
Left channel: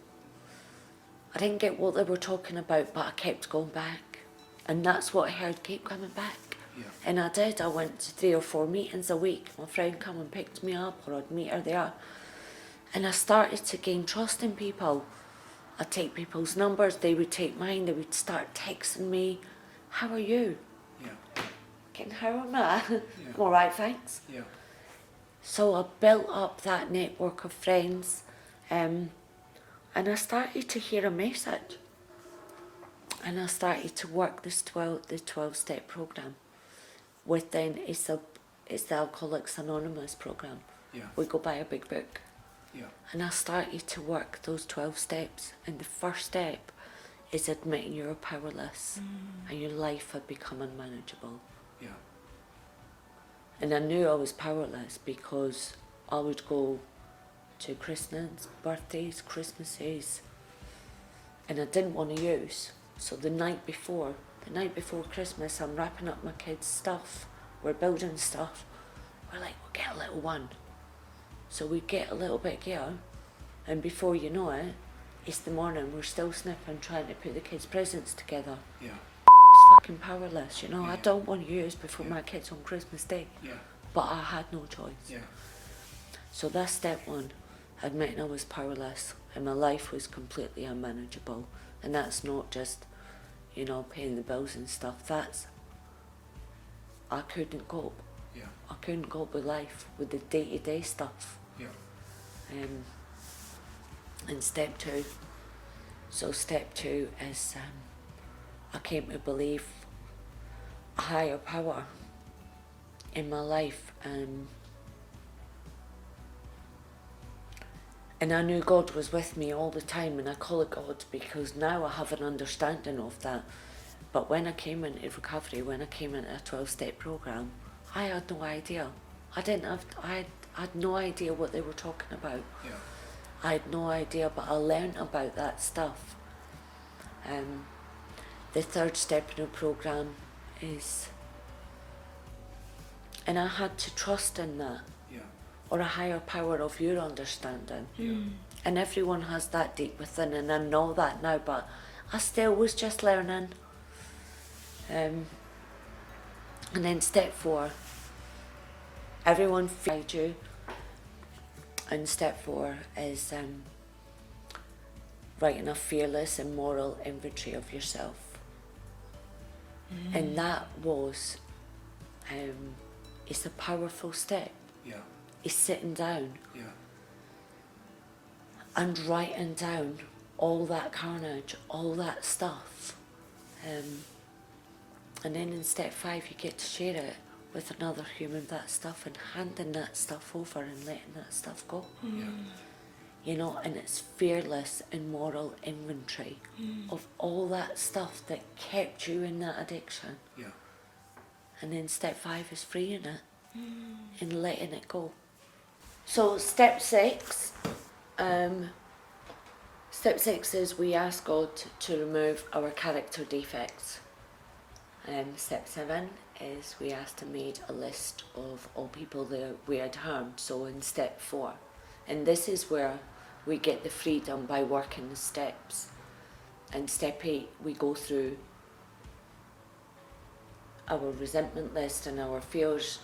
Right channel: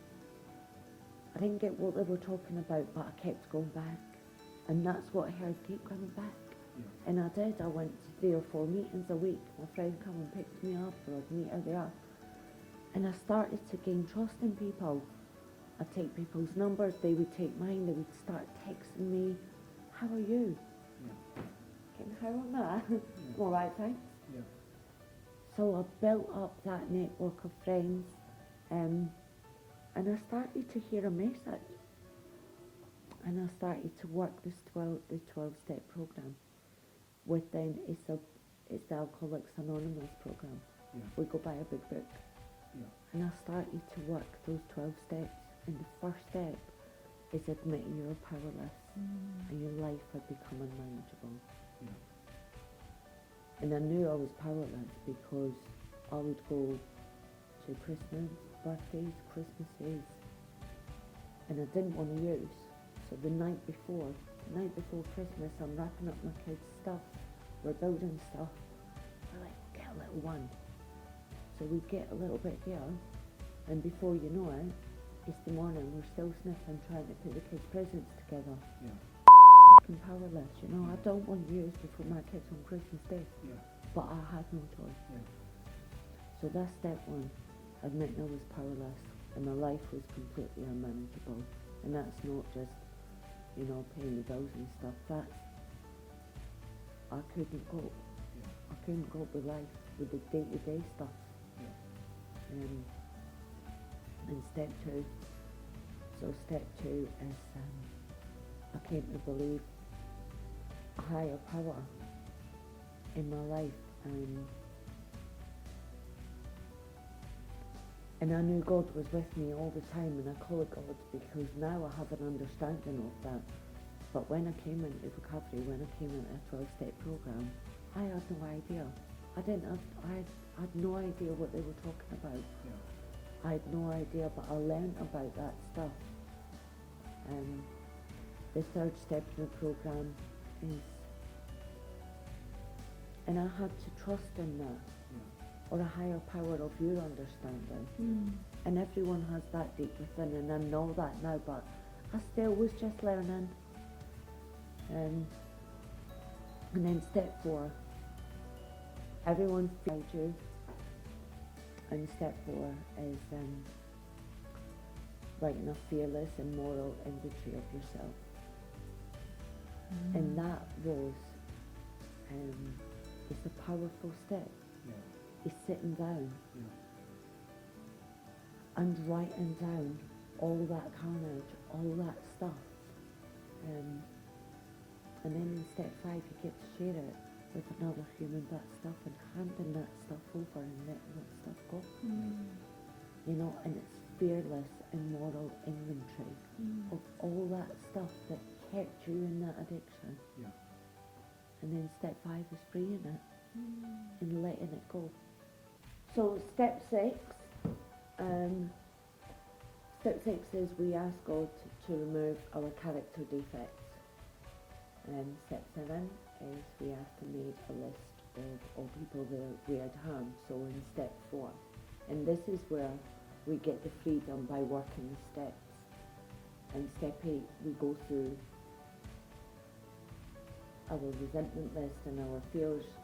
I didn't get what they were talking about, but I kept going back. And that's what I heard, keep coming back. Yeah. And I did. I went to 3 or 4 meetings a week. My friend come and picked me up, or I'd meet her there. And I started to gain trust in people. I'd take people's numbers, they would take mine, they would start texting me, how are you? Yeah. Getting how am I? Yeah. All right, thanks. Yeah. So I built up that network of friends, and I started to hear a message. And I started to work the 12-step program. Within it's the Alcoholics Anonymous program. Yeah. We go by a big book. Yeah. And I started to work those 12 steps. And the first step is admitting you're powerless and your life had become unmanageable. Yeah. And I knew I was powerless because I would go to christenings, birthdays, Christmases, and I didn't want to use. So the night before Christmas, I'm wrapping up my kids' stuff, we're building stuff. We're like, we'll get a little one. So we get a little bit here, and before you know it, it's the morning, we're still sniffing, trying to put the kids' presents together. Yeah. It's fucking powerless, you know. Yeah. I don't want to use before Yeah. my kids on Christmas Day. Yeah. But I had no choice. Yeah. So that's step one, admitting I was powerless and my life was completely unmanageable. And that's not just, you know, paying the bills and stuff. That's, I couldn't cope. Yeah. I couldn't cope with life, with the day-to-day stuff. Yeah. And step two. So step two is I came to believe a higher power in my life, and I knew God was with me all the time, and I call it God because now I have an understanding of that. But when I came into recovery, when I came into a 12-step program, I had no idea. I had no idea what they were talking about. Yeah. I had no idea, but I learned about that stuff. The third step in the program is, and I had to trust in that, Yeah. or a higher power of your understanding. Yeah. And everyone has that deep within, and I know that now, but I still was just learning. And then step four, everyone feeds you. And step four is writing a fearless and moral inventory of yourself. And that was, it's a powerful step. Yeah. It's sitting down Yeah. and writing down all that carnage, all that stuff. And then in step five, you get to share it with another human, that stuff, and handing that stuff over and letting that stuff go. Yeah. You know, and it's fearless and moral inventory of all that stuff that kept you in that addiction. Yeah. And then step five is freeing it and letting it go. So step six is we ask God to remove our character defects. Step 7 is we asked and made a list of all people that we had harmed. So in step 4, and this is where we get the freedom by working the steps. And step 8, we go through our resentment list and our fears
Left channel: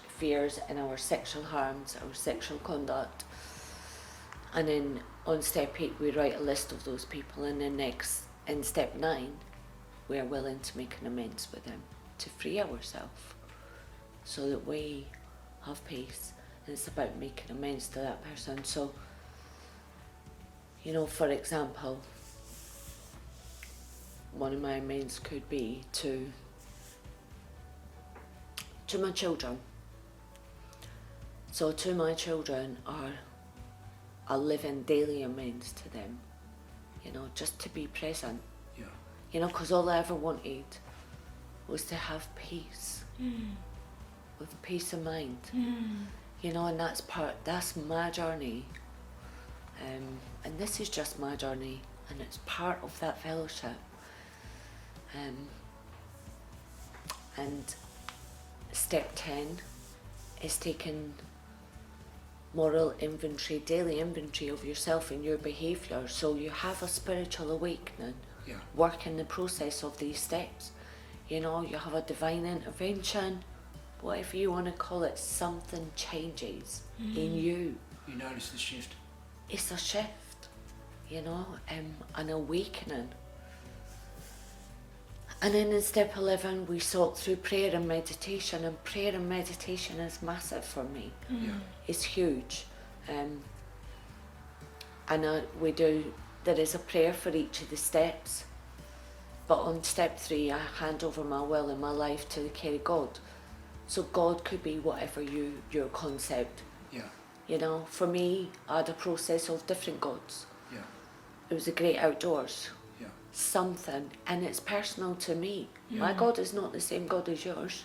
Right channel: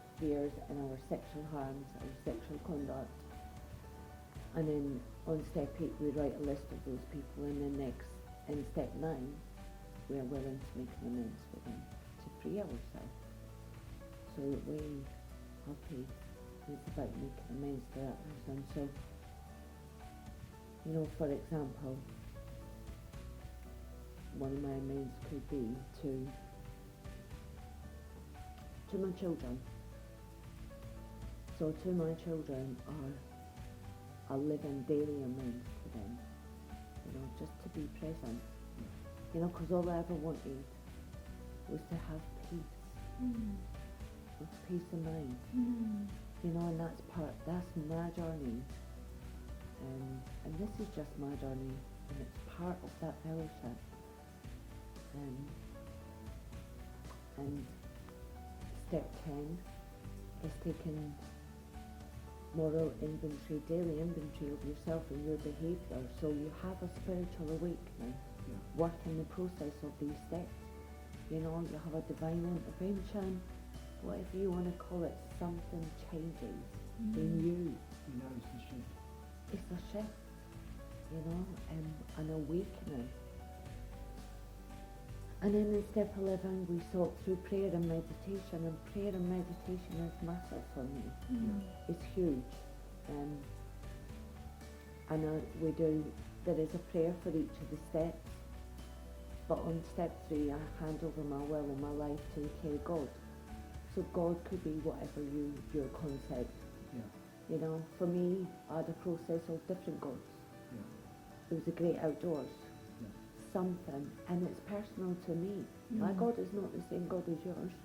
and our sexual harms, our sexual conduct. And then on step 8, we write a list of those people. And then next, in step 9, we are willing to make an amends with them, to free ourselves, so that we have peace. And it's about making amends to that person. So, you know, for example, one of my amends could be to my children. So to my children are a living daily amends to them, you know, just to be present. Yeah. You know, because all I ever wanted was to have peace, with peace of mind. You know, and that's my journey. And this is just my journey, and it's part of that fellowship. And step 10 is taking moral inventory, daily inventory of yourself and your behaviour. So you have a spiritual awakening, work in the process of these steps. You know, you have a divine intervention, whatever you want to call it, something changes in you. You notice the shift. It's a shift, you know, an awakening. And then in step 11, we sought through prayer and meditation, and prayer and meditation is massive for me. It's huge. There is a prayer for each of the steps, but on step 3, I hand over my will and my life to the care of God. So God could be whatever your concept. You know, for me, I had a process of different gods. It was the great outdoors. Something, and it's personal to me. My God is not the same God as yours.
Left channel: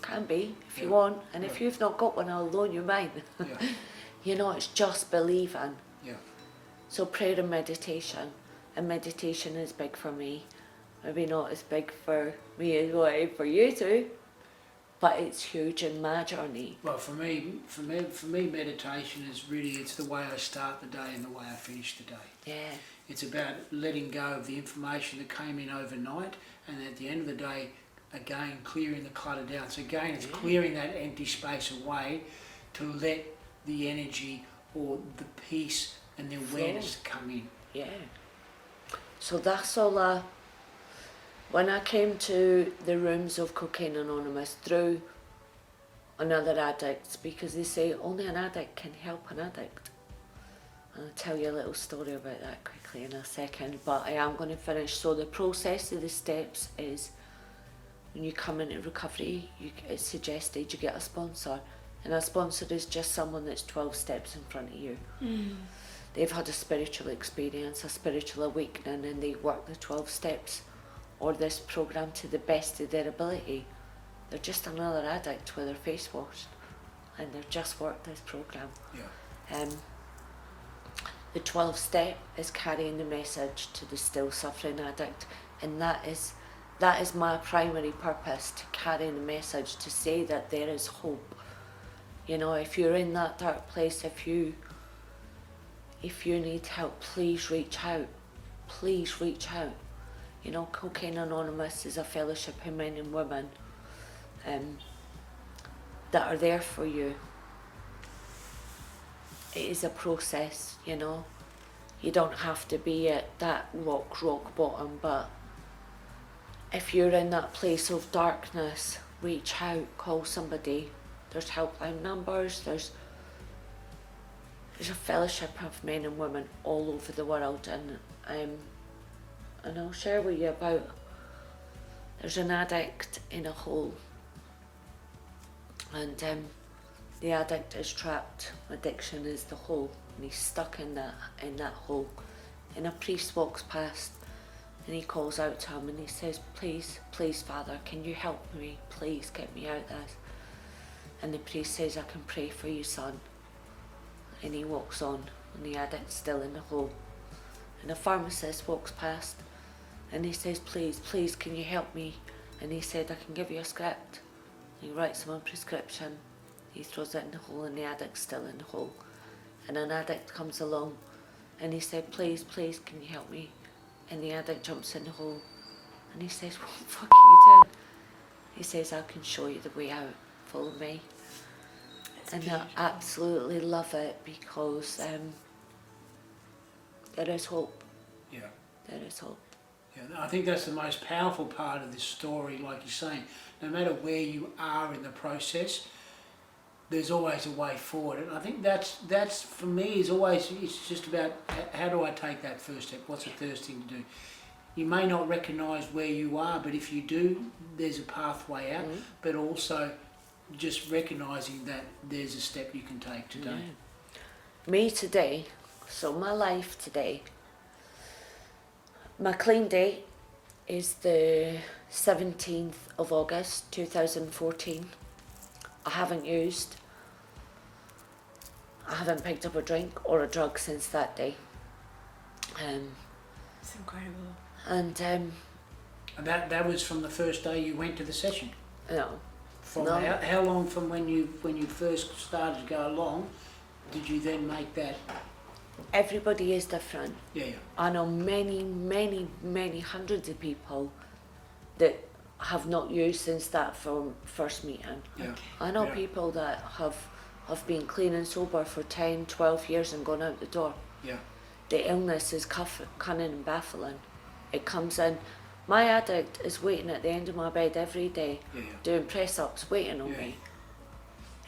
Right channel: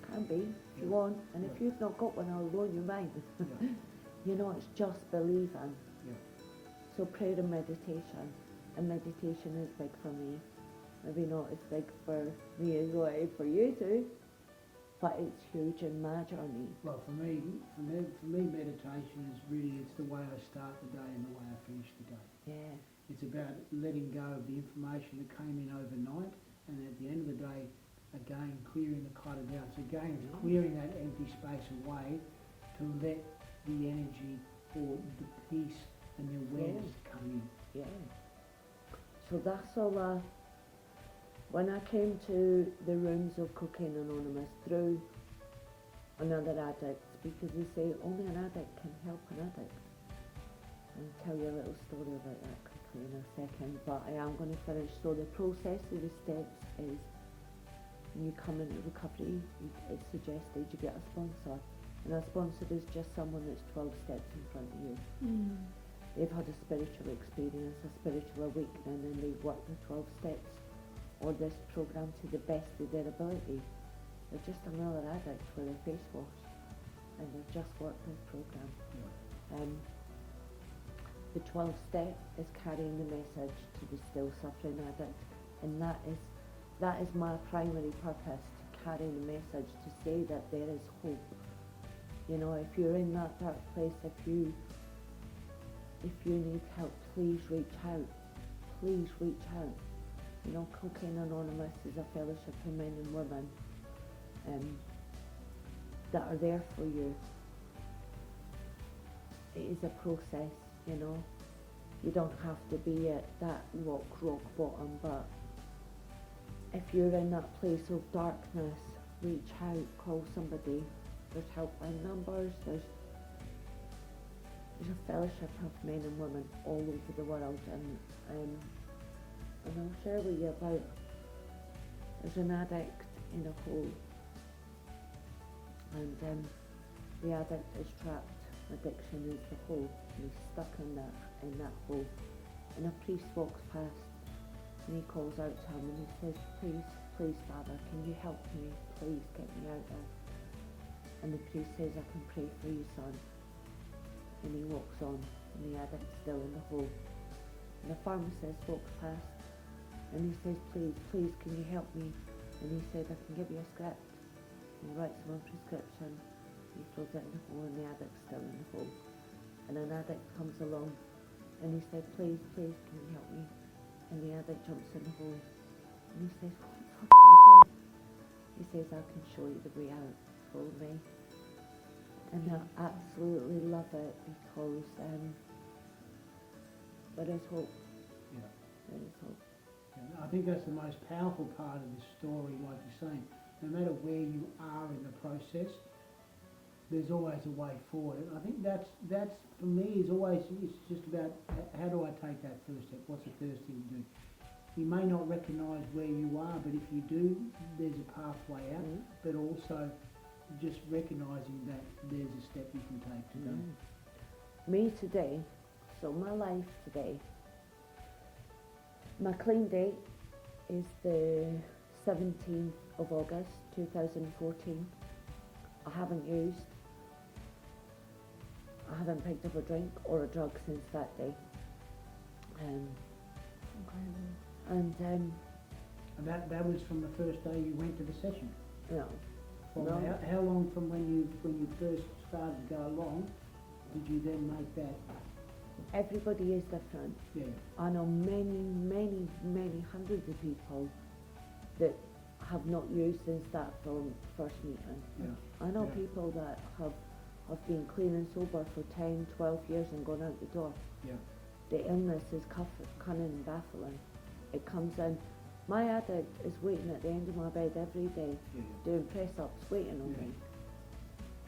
Can be if you want, and if you've not got one, I'll loan you mine. You know, it's just believing. So prayer and meditation is big for me. Maybe not as big for me as what it is for you two, but it's huge in my journey. Well, for me, meditation is really, it's the way I start the day and the way I finish the day. It's about letting go of the information that came in overnight, and at the end of the day, again, clearing the clutter down. So again, it's clearing that empty space away to let the energy or the peace and the awareness come in. So that's all when I came to the rooms of Cocaine Anonymous through another addict, because they say only an addict can help an addict. And I'll tell you a little story about that quickly in a second, but I am going to finish. So the process of the steps is, when you come into recovery, it's suggested you get a sponsor, and a sponsor is just someone that's 12 steps in front of you. They've had a spiritual experience, a spiritual awakening, and they work the 12 steps or this program to the best of their ability. They're just another addict with their face washed, and they've just worked this program. The 12th step is carrying the message to the still suffering addict, and that is my primary purpose, to carry the message, to say that there is hope. You know, if you're in that dark place, if you need help, please reach out. Please reach out. You know, Cocaine Anonymous is a fellowship of men and women that are there for you. It is a process, you know. You don't have to be at that rock bottom, but if you're in that place of darkness, reach out, call somebody. There's helpline numbers, there's a fellowship of men and women all over the world, and I'll share with you about, there's an addict in a hole, and the addict is trapped. Addiction is the hole, and he's stuck in that hole. And a priest walks past, and he calls out to him, and he says, please, Father, can you help me? Please get me out of this. And the priest says, I can pray for you, son. And he walks on, and the addict's still in the hole. And a pharmacist walks past, and he says, please, can you help me? And he said, I can give you a script. And he writes him a prescription. He throws it in the hole, and the addict's still in the hole. And an addict comes along, and he said, please, can you help me? And the addict jumps in the hole, and he says, what the fuck are you doing? He says, I can show you the way out. Follow me. And I absolutely love it, because there is hope. There is hope. I think that's the most powerful part of this story, like you're saying. No matter where you are in the process, there's always a way forward. And I think that's for me, is always, it's just about how do I take that first step? What's the first thing to do? You may not recognise where you are, but if you do, there's a pathway out. But also just recognising that there's a step you can take today. Me today, so my life today, my clean date is the 17th of August 2014. I haven't picked up a drink or a drug since that day. It's incredible. And that was from the first day you went to the session? No, From No. how long from when you first started to go along did you then make that? Everybody is different. Yeah, I know many hundreds of people that have not used since that from first meeting. yeah, I know Yeah. people that have been clean and sober for 10, 12 years and gone out the door. yeah, The illness is cunning and baffling. It comes in. My addict is waiting at the end of my bed every day, yeah, doing press-ups, waiting on Yeah. me.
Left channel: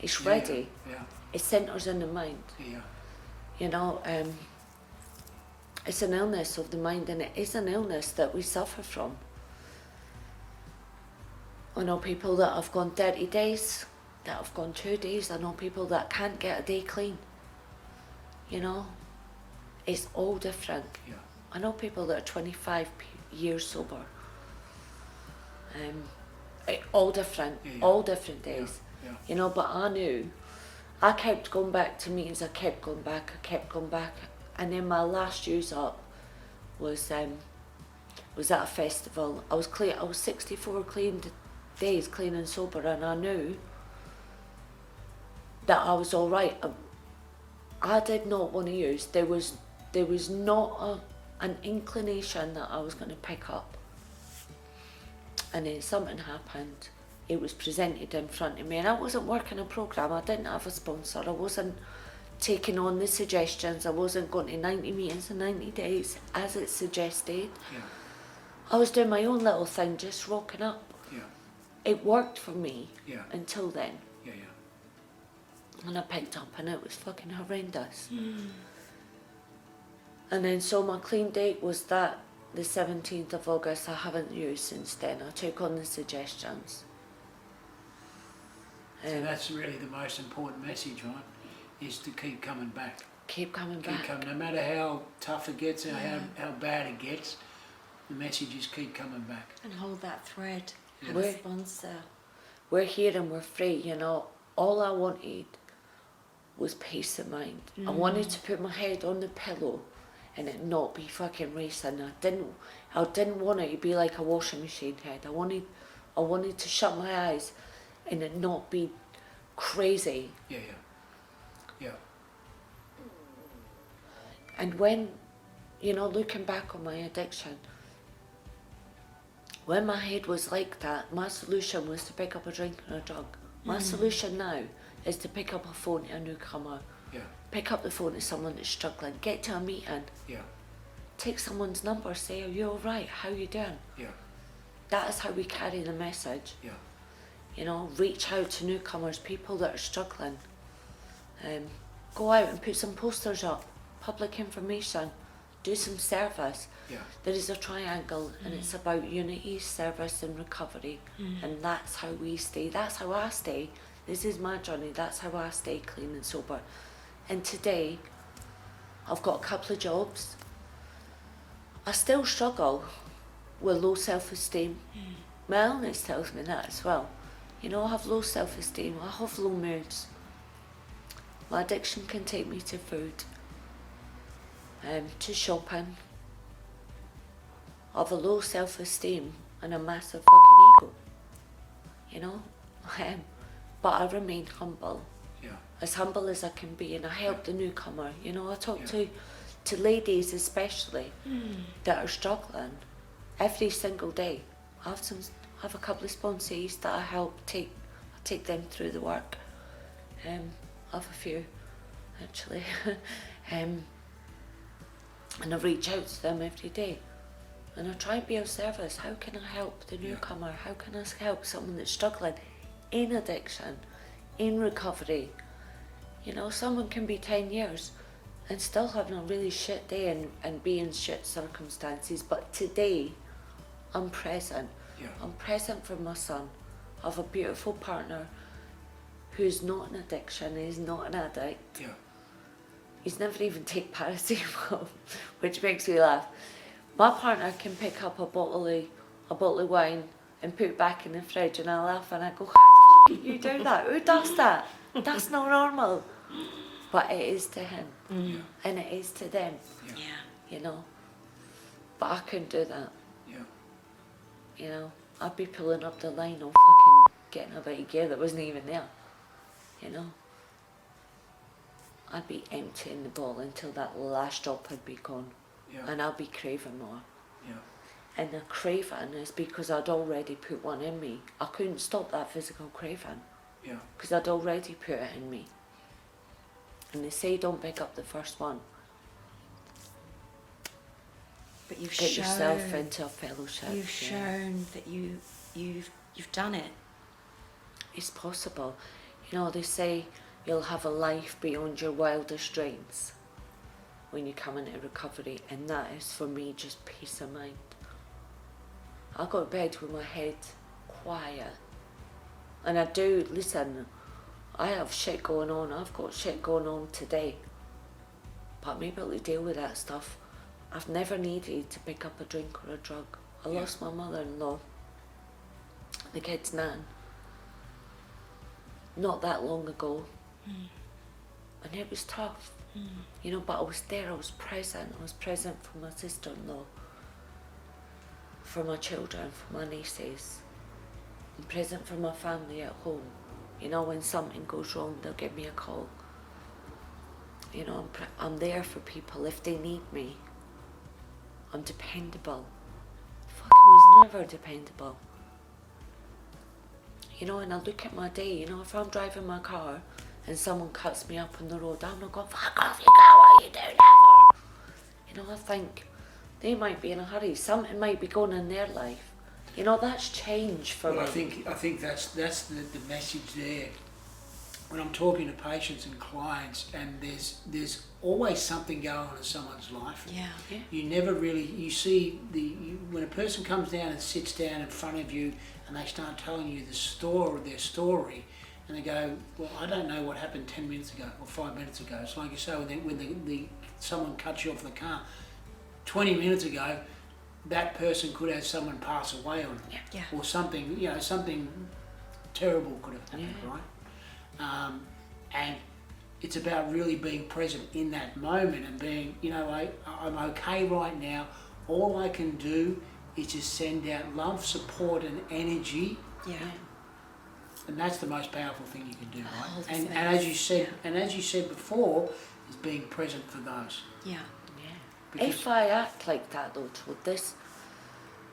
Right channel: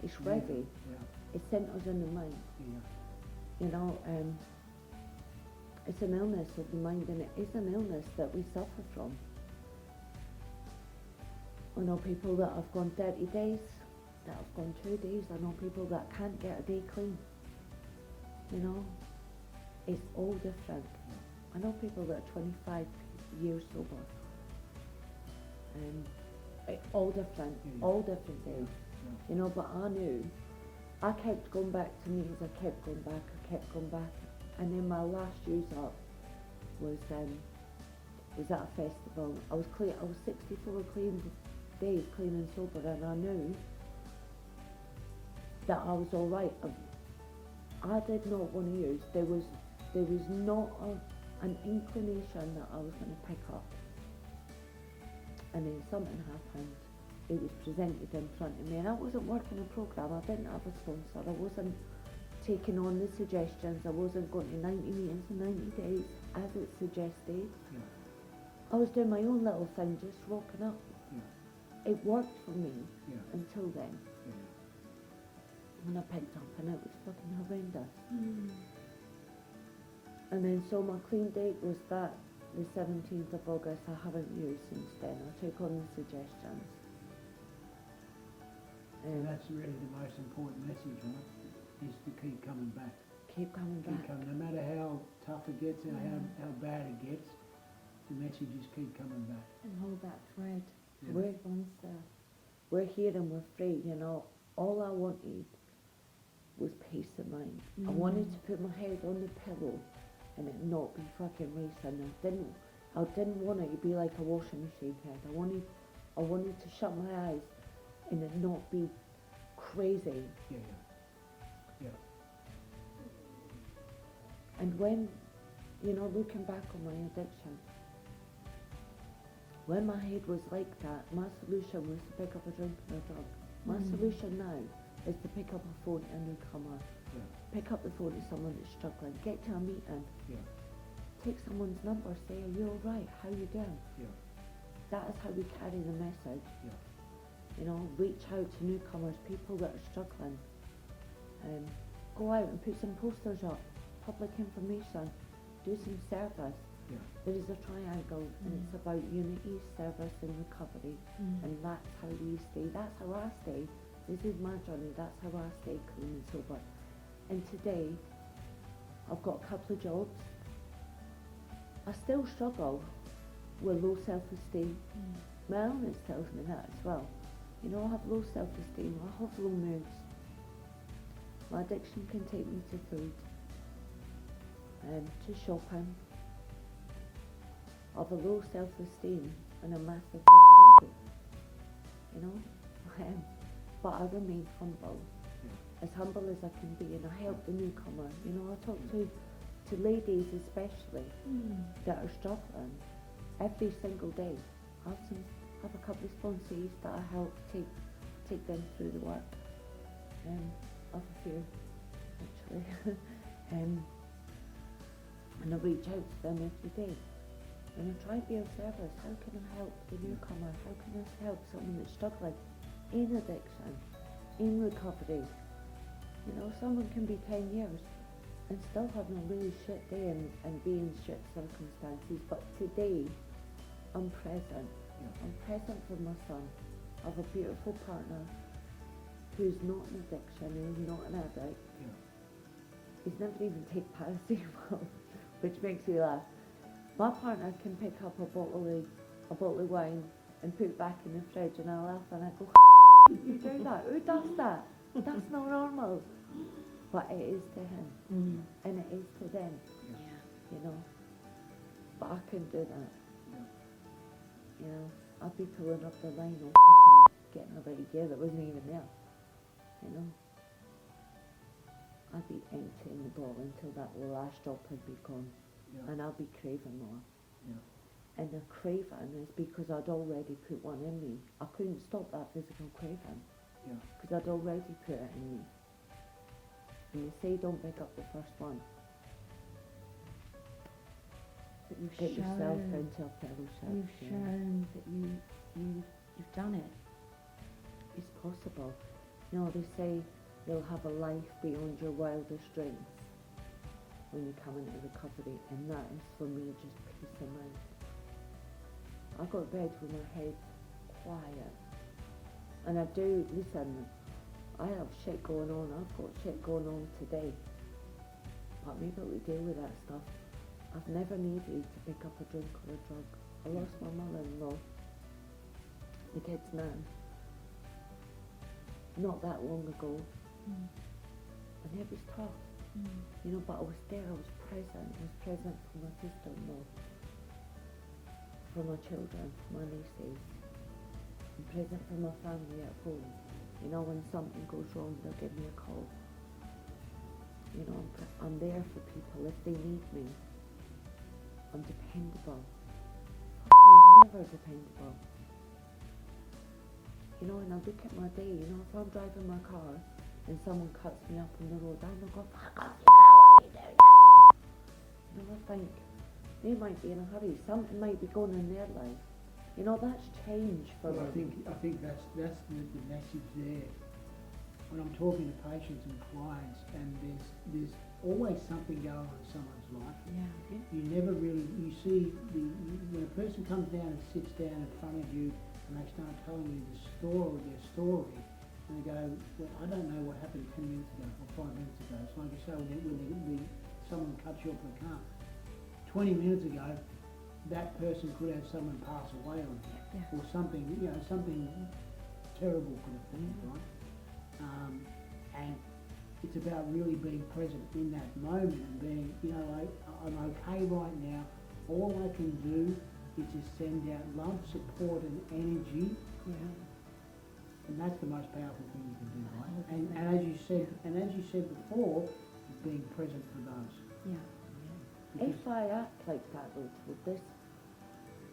It's yeah, ready. yeah, It centres in the mind. yeah, You know, it's an illness of the mind, and it is an illness that we suffer from. I know people that have gone 30 days, that have gone 2 days. I know people that can't get a day clean. You know, it's all different. yeah, I know people that are 25 years sober. All different, Yeah, yeah. all different days. yeah, You know, but I knew. I kept going back to meetings. I kept going back. And then my last use up was at a festival. I was 64 clean days, clean and sober, and I knew that I was all right. I did not want to use. There was not an inclination that I was going to pick up. And then something happened. It was presented in front of me, and I wasn't working a program. I didn't have a sponsor. I wasn't taking on the suggestions. I wasn't going to 90 meetings in 90 days as it suggested. yeah, I was doing my own little thing, just rocking up. yeah, It worked for me yeah, until then. yeah, yeah. And I picked up and it was fucking horrendous. And then so my clean date was that the 17th of August. I haven't used since then. I took on the suggestions. So that's really the most important message, right? Is to keep coming back. Keep coming Keep back. coming, no matter how tough it gets or how bad it gets, the message is keep coming back. And hold that thread. Yeah. And We're- sponsor. We're here and we're free, you know. All I wanted was peace of mind. I wanted to put my head on the pillow and it not be fucking racing. I didn't want it to be like a washing machine head. I wanted to shut my eyes and it not be crazy. Yeah, yeah, yeah, And when, you know, looking back on my addiction, when my head was like that, my solution was to pick up a drink and a drug. My solution now is to pick up a phone to a newcomer, yeah, pick up the phone to someone that's struggling, get to a meeting, yeah, take someone's number, say, are you alright, how you doing? yeah, That is how we carry the message. yeah, You know, reach out to newcomers, people that are struggling. Go out and put some posters up, public information, do some service. yeah, There is a triangle and it's about unity, service and recovery, and that's how we stay, that's how I stay. This is my journey, that's how I stay clean and sober. And today, I've got a couple of jobs. I still struggle with low self-esteem. My illness tells me that as well. You know, I have low self-esteem, I have low moods. My addiction can take me to food, to shopping. I have a low self-esteem and a massive fucking ego. You know, but I remain humble, yeah, as humble as I can be, and I help the newcomer. You know, I talk Yeah. to ladies especially that are struggling every single day. I have a couple of sponsees that I help take them through the work. I have a few actually, and I reach out to them every day. And I try and be of service. How can I help the newcomer? How can I help someone that's struggling in addiction, in recovery? You know, someone can be 10 years and still having a really shit day and be in shit circumstances. But today, I'm present. yeah, I'm present for my son. I have a beautiful partner who's not an addiction, he's not an addict. yeah, He's never even taken paracetamol, which makes me laugh. My partner can pick up a bottle of wine and put it back in the fridge, and I laugh and I go, how the fuck you do that? Who does that? That's not normal. But it is to him, and it is to them, yeah, Yeah. you know. But I couldn't do that, yeah, you know. I'd be pulling up the line on fucking getting a bit of gear that wasn't even there, you know. I'd be emptying the bottle until that last drop had be gone, and I'd be craving more. Yeah. And the craving is because I'd already put one in me. I couldn't stop that physical craving. Yeah. Because I'd already put it in me. And they say don't pick up the first one. But you've Get shown, yourself into a fellowship. You've shown that you've done it. It's possible. You know, they say you'll have a life beyond your wildest dreams when you come into recovery, and that is for me just peace of mind. I go to bed with my head quiet, and I do listen. I have shit going on. I've got shit going on today, but I'm able to deal with that stuff. I've never needed to pick up a drink or a drug. I lost my mother-in-law, the kid's nan, not that long ago, and it was tough, you know, but I was there, I was present for my sister-in-law, for my children, for my nieces, I'm present for my family at home. You know, when something goes wrong, they'll give me a call. You know, I'm there for people if they need me. I'm dependable. Fucking was never dependable. You know, and I look at my day, you know, if I'm driving my car and someone cuts me up on the road, I'm not going, fuck off you go, what are you doing that for? You know, I think they might be in a hurry, something might be going in their life. You know, that's change for me. I think that's the message there. When I'm talking to patients and clients, and there's always something going on in someone's life. Yeah. You never really, you see when a person comes down and sits down in front of you and they start telling you their story, and they go, well, I don't know what happened 10 minutes ago or 5 minutes ago. It's like you say, when someone cuts you off the car 20 minutes ago, that person could have someone pass away on them, or something, you know, something terrible could have happened, right? And it's about really being present in that moment and being, you know, I'm okay right now. All I can do is just send out love, support, and energy. Yeah. And that's the most powerful thing you can do, right? Oh, And as you said before, is being present for those. Yeah. If I act like that though, Todd,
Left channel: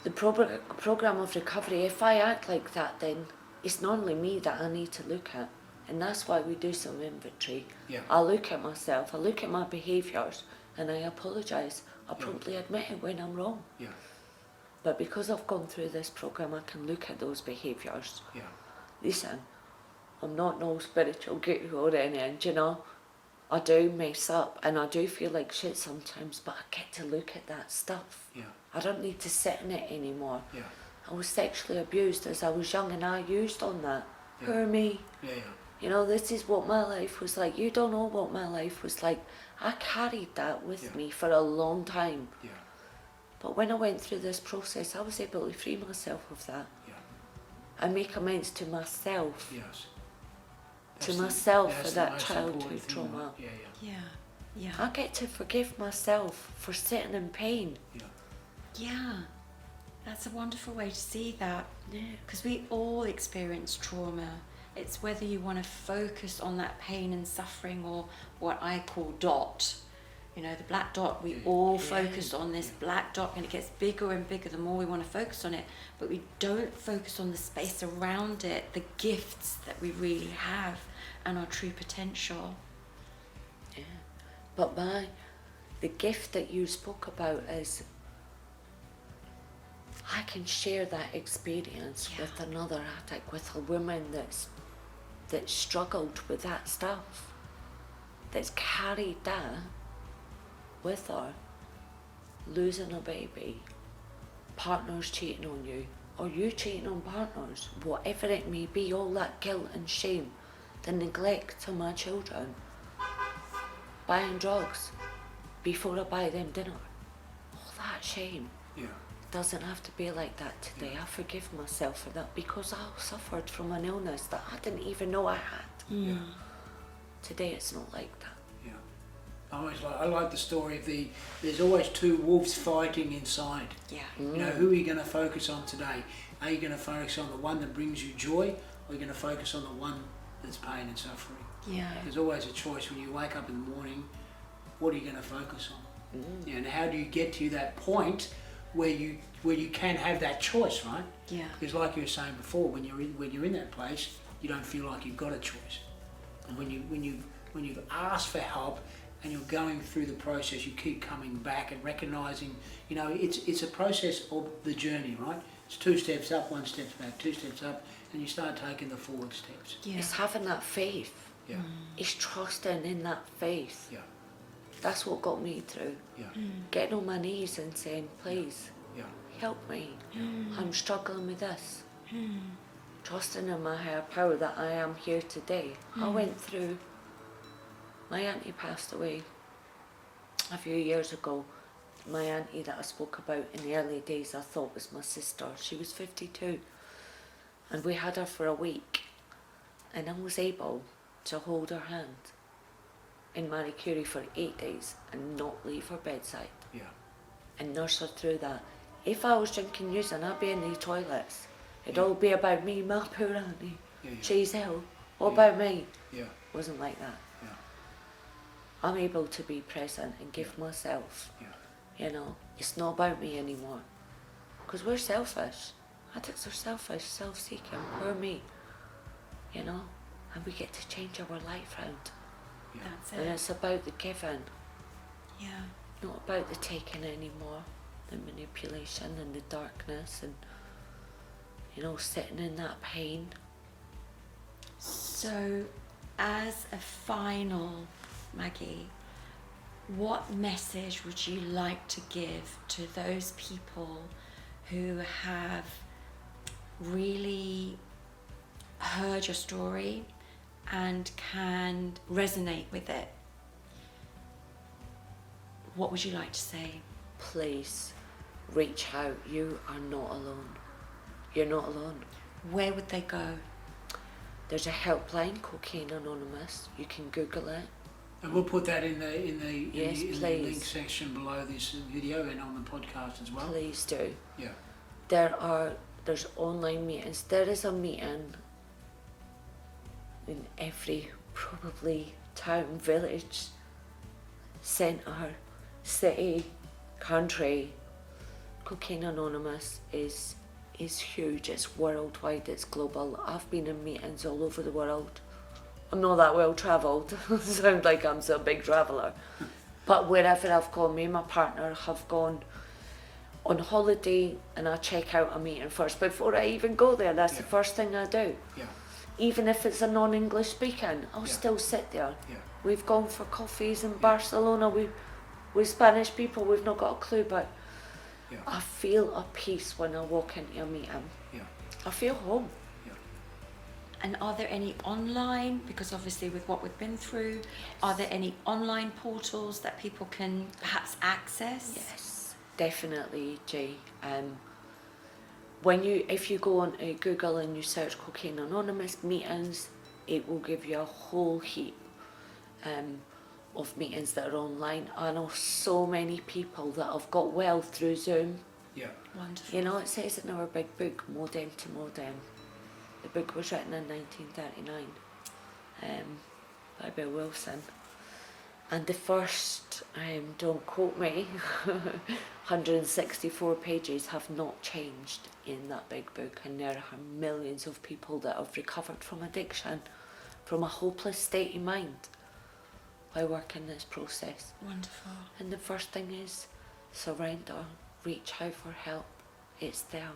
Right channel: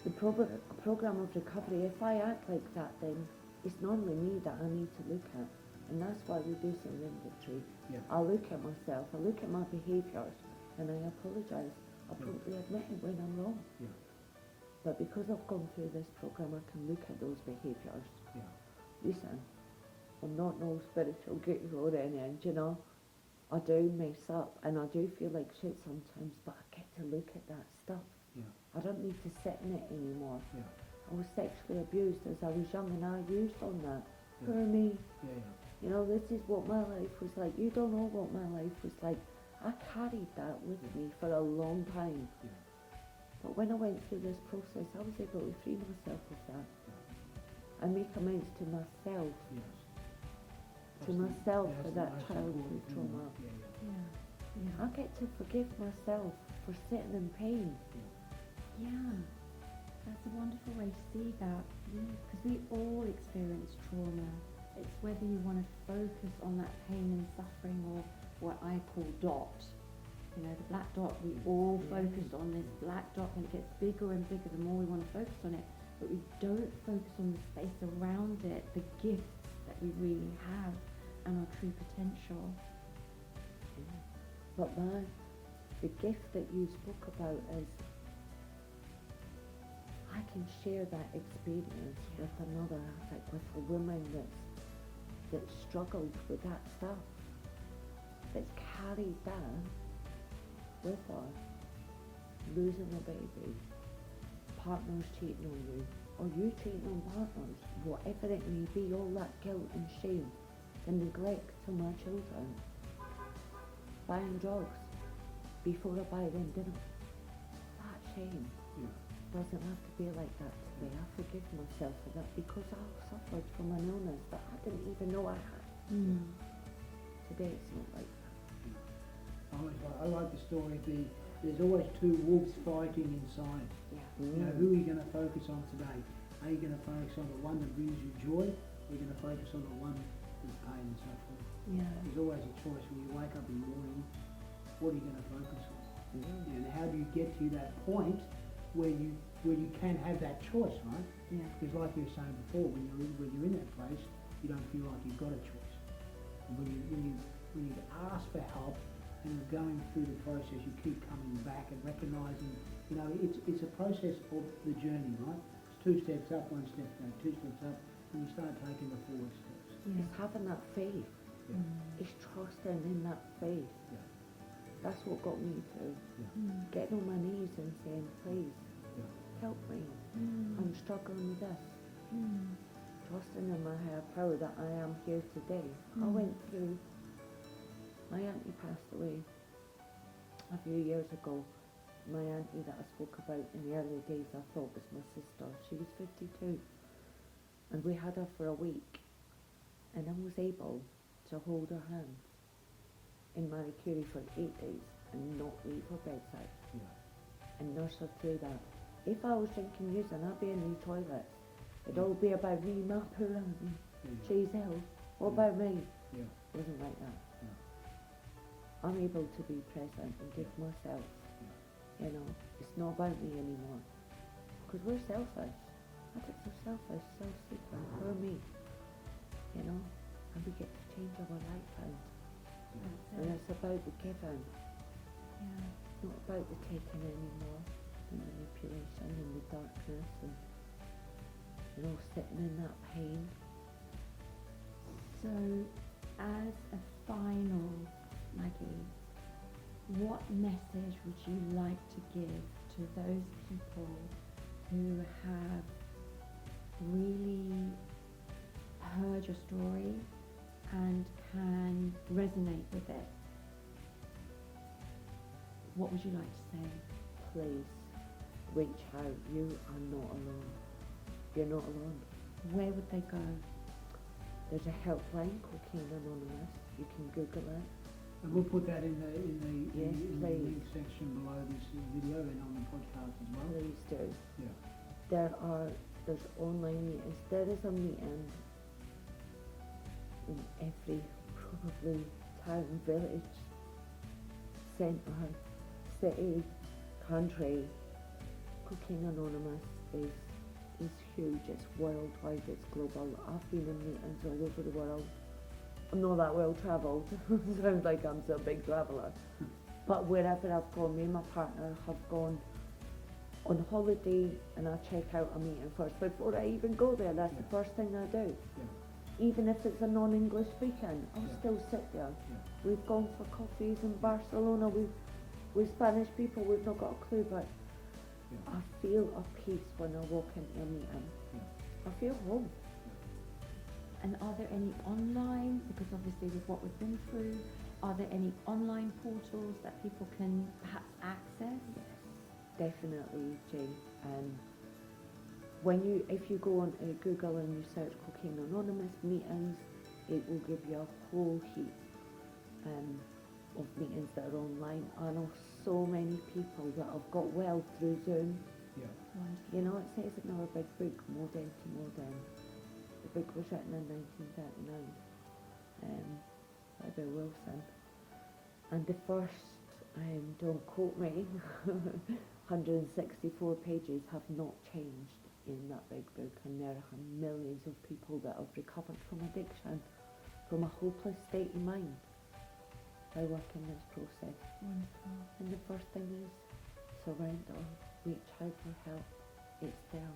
the program of recovery, if I act like that, then it's not only me that I need to look at, and that's why we do some inventory. Yeah. I look at myself, I look at my behaviours, and I apologise. I promptly admit it when I'm wrong. Yeah. But because I've gone through this program, I can look at those behaviours. Yeah. Listen, I'm not no spiritual guru or anything, you know. I do mess up and I do feel like shit sometimes, but I get to look at that stuff. Yeah. I don't need to sit in it anymore. Yeah. I was sexually abused as I was young and I used on that. Yeah. Poor me. Yeah. You know, this is what my life was like. You don't know what my life was like. I carried that with me for a long time. Yeah. But when I went through this process, I was able to free myself of that. Yeah. And make amends to myself. Yes. To myself for that's that the most childhood important thing, trauma. right? Yeah. Yeah. I get to forgive myself for sitting in pain. Yeah. That's a wonderful way to see that. Yeah. Because we all experience trauma. It's whether you want to focus on that pain and suffering, or what I call dot. You know, the black dot, we all focus on this black dot, and it gets bigger and bigger the more we want to focus on it, but we don't focus on the space around it, the gifts that we really have, and our true potential. Yeah. But the gift that you spoke about is I can share that experience with another addict, with a woman that's struggled with that stuff, that's carried that with her, losing a baby, partners cheating on you, or you cheating on partners, whatever it may be, all that guilt and shame, the neglect to my children, buying drugs before I buy them dinner, all that shame. Yeah. Doesn't have to be like that today. I forgive myself for that because I suffered from an illness that I didn't even know I had. Yeah. Today it's not like that. I like the story of there's always two wolves fighting inside. Yeah. You know, who are you going to focus on today? Are you going to focus on the one that brings you joy, or you're going to focus on the one that's pain and suffering. Yeah. There's always a choice when you wake up in the morning. What are you going to focus on? And how do you get to that point where you can have that choice, right? Yeah. Because like you were saying before, when you're in that place, you don't feel like you've got a choice. And when you've asked for help and you're going through the process, you keep coming back and recognizing, it's a process of the journey, right? It's 2 steps up, 1 step back, 2 steps up, and you start taking the forward steps. Yeah. It's having that faith. Yeah. It's trusting in that faith. Yeah. That's what got me through. Yeah. Getting on my knees and saying, please, Yeah. help me. I'm struggling with this. Trusting in my higher power that I am here today. I went through, my auntie passed away a few years ago. My auntie that I spoke about in the early days I thought was my sister. She was 52 and we had her for a week, and I was able to hold her hand in Marie Curie for 8 days and not leave her bedside Yeah. and nurse her through that. If I was drinking using, I'd be in the toilets. It'd all be about me, my poor auntie. Yeah. She's ill. What Yeah. about me? Yeah. Wasn't like that. Yeah. I'm able to be present and give myself. Yeah. It's not about me anymore. Because we're selfish. Addicts are selfish, self-seeking. We're me. And we get to change our life round. Yeah. That's And it. it's about the giving, Yeah. not about the taking anymore. The manipulation and the darkness and, sitting in that pain. So, as a final, Maggie, what message would you like to give to those people who have really heard your story and can resonate with it? What would you like to say? Please, reach out. You are not alone. You're not alone. Where would they go? There's a helpline, Cocaine Anonymous. You can Google it. And we'll put that in the Yes, in the please. link section below this video and on the podcast as well. Please do. Yeah. There's online meetings. There is a meeting in every probably town, village, centre, city, country. Cocaine Anonymous is huge. It's worldwide. It's global. I've been in meetings all over the world. I'm not that well travelled. Sound like I'm a big traveller. But wherever I've gone, me and my partner have gone on holiday, and I check out a meeting first before I even go there. That's the first thing I do. Yeah. Even if it's a non-English speaking, I'll Yeah. still sit there. Yeah. We've gone for coffees in Barcelona. With Spanish people, we've not got a clue, but Yeah. I feel a peace when I walk into a meeting. Yeah. I feel home. And are there any online, because obviously with what we've been through, are there any online portals that people can perhaps access? Yes, definitely, Jay. If you go on Google and you search Cocaine Anonymous meetings, it will give you a whole heap of meetings that are online. I know so many people that have got well through Zoom. Yeah. Wonderful. It says in our big book, Modem to Modem. The book was written in 1939 by Bill Wilson. And the first, don't quote me, 164 pages have not changed in that big book, and there are millions of people that have recovered from addiction, from a hopeless state of mind, by working this process. Wonderful. And the first thing is surrender, reach out for help, it's there,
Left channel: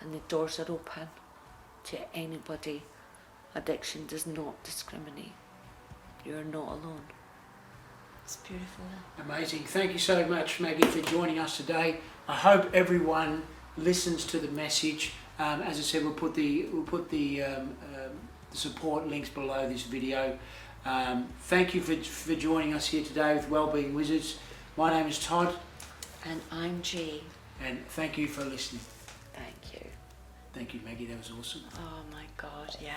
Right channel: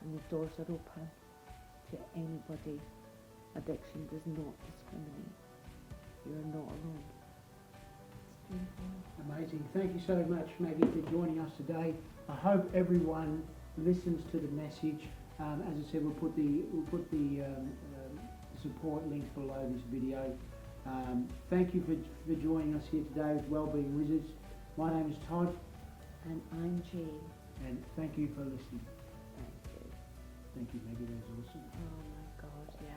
and the doors are open to anybody. Addiction does not discriminate. You're not alone. It's beautiful. Amazing. Thank you so much, Maggie, for joining us today. I hope everyone listens to the message. As I said, we'll put the support links below this video. Thank you for joining us here today with Wellbeing Wizards. My name is Todd. And I'm G. And thank you for listening. Thank you. Thank you, Maggie. That was awesome. Oh my God, yeah.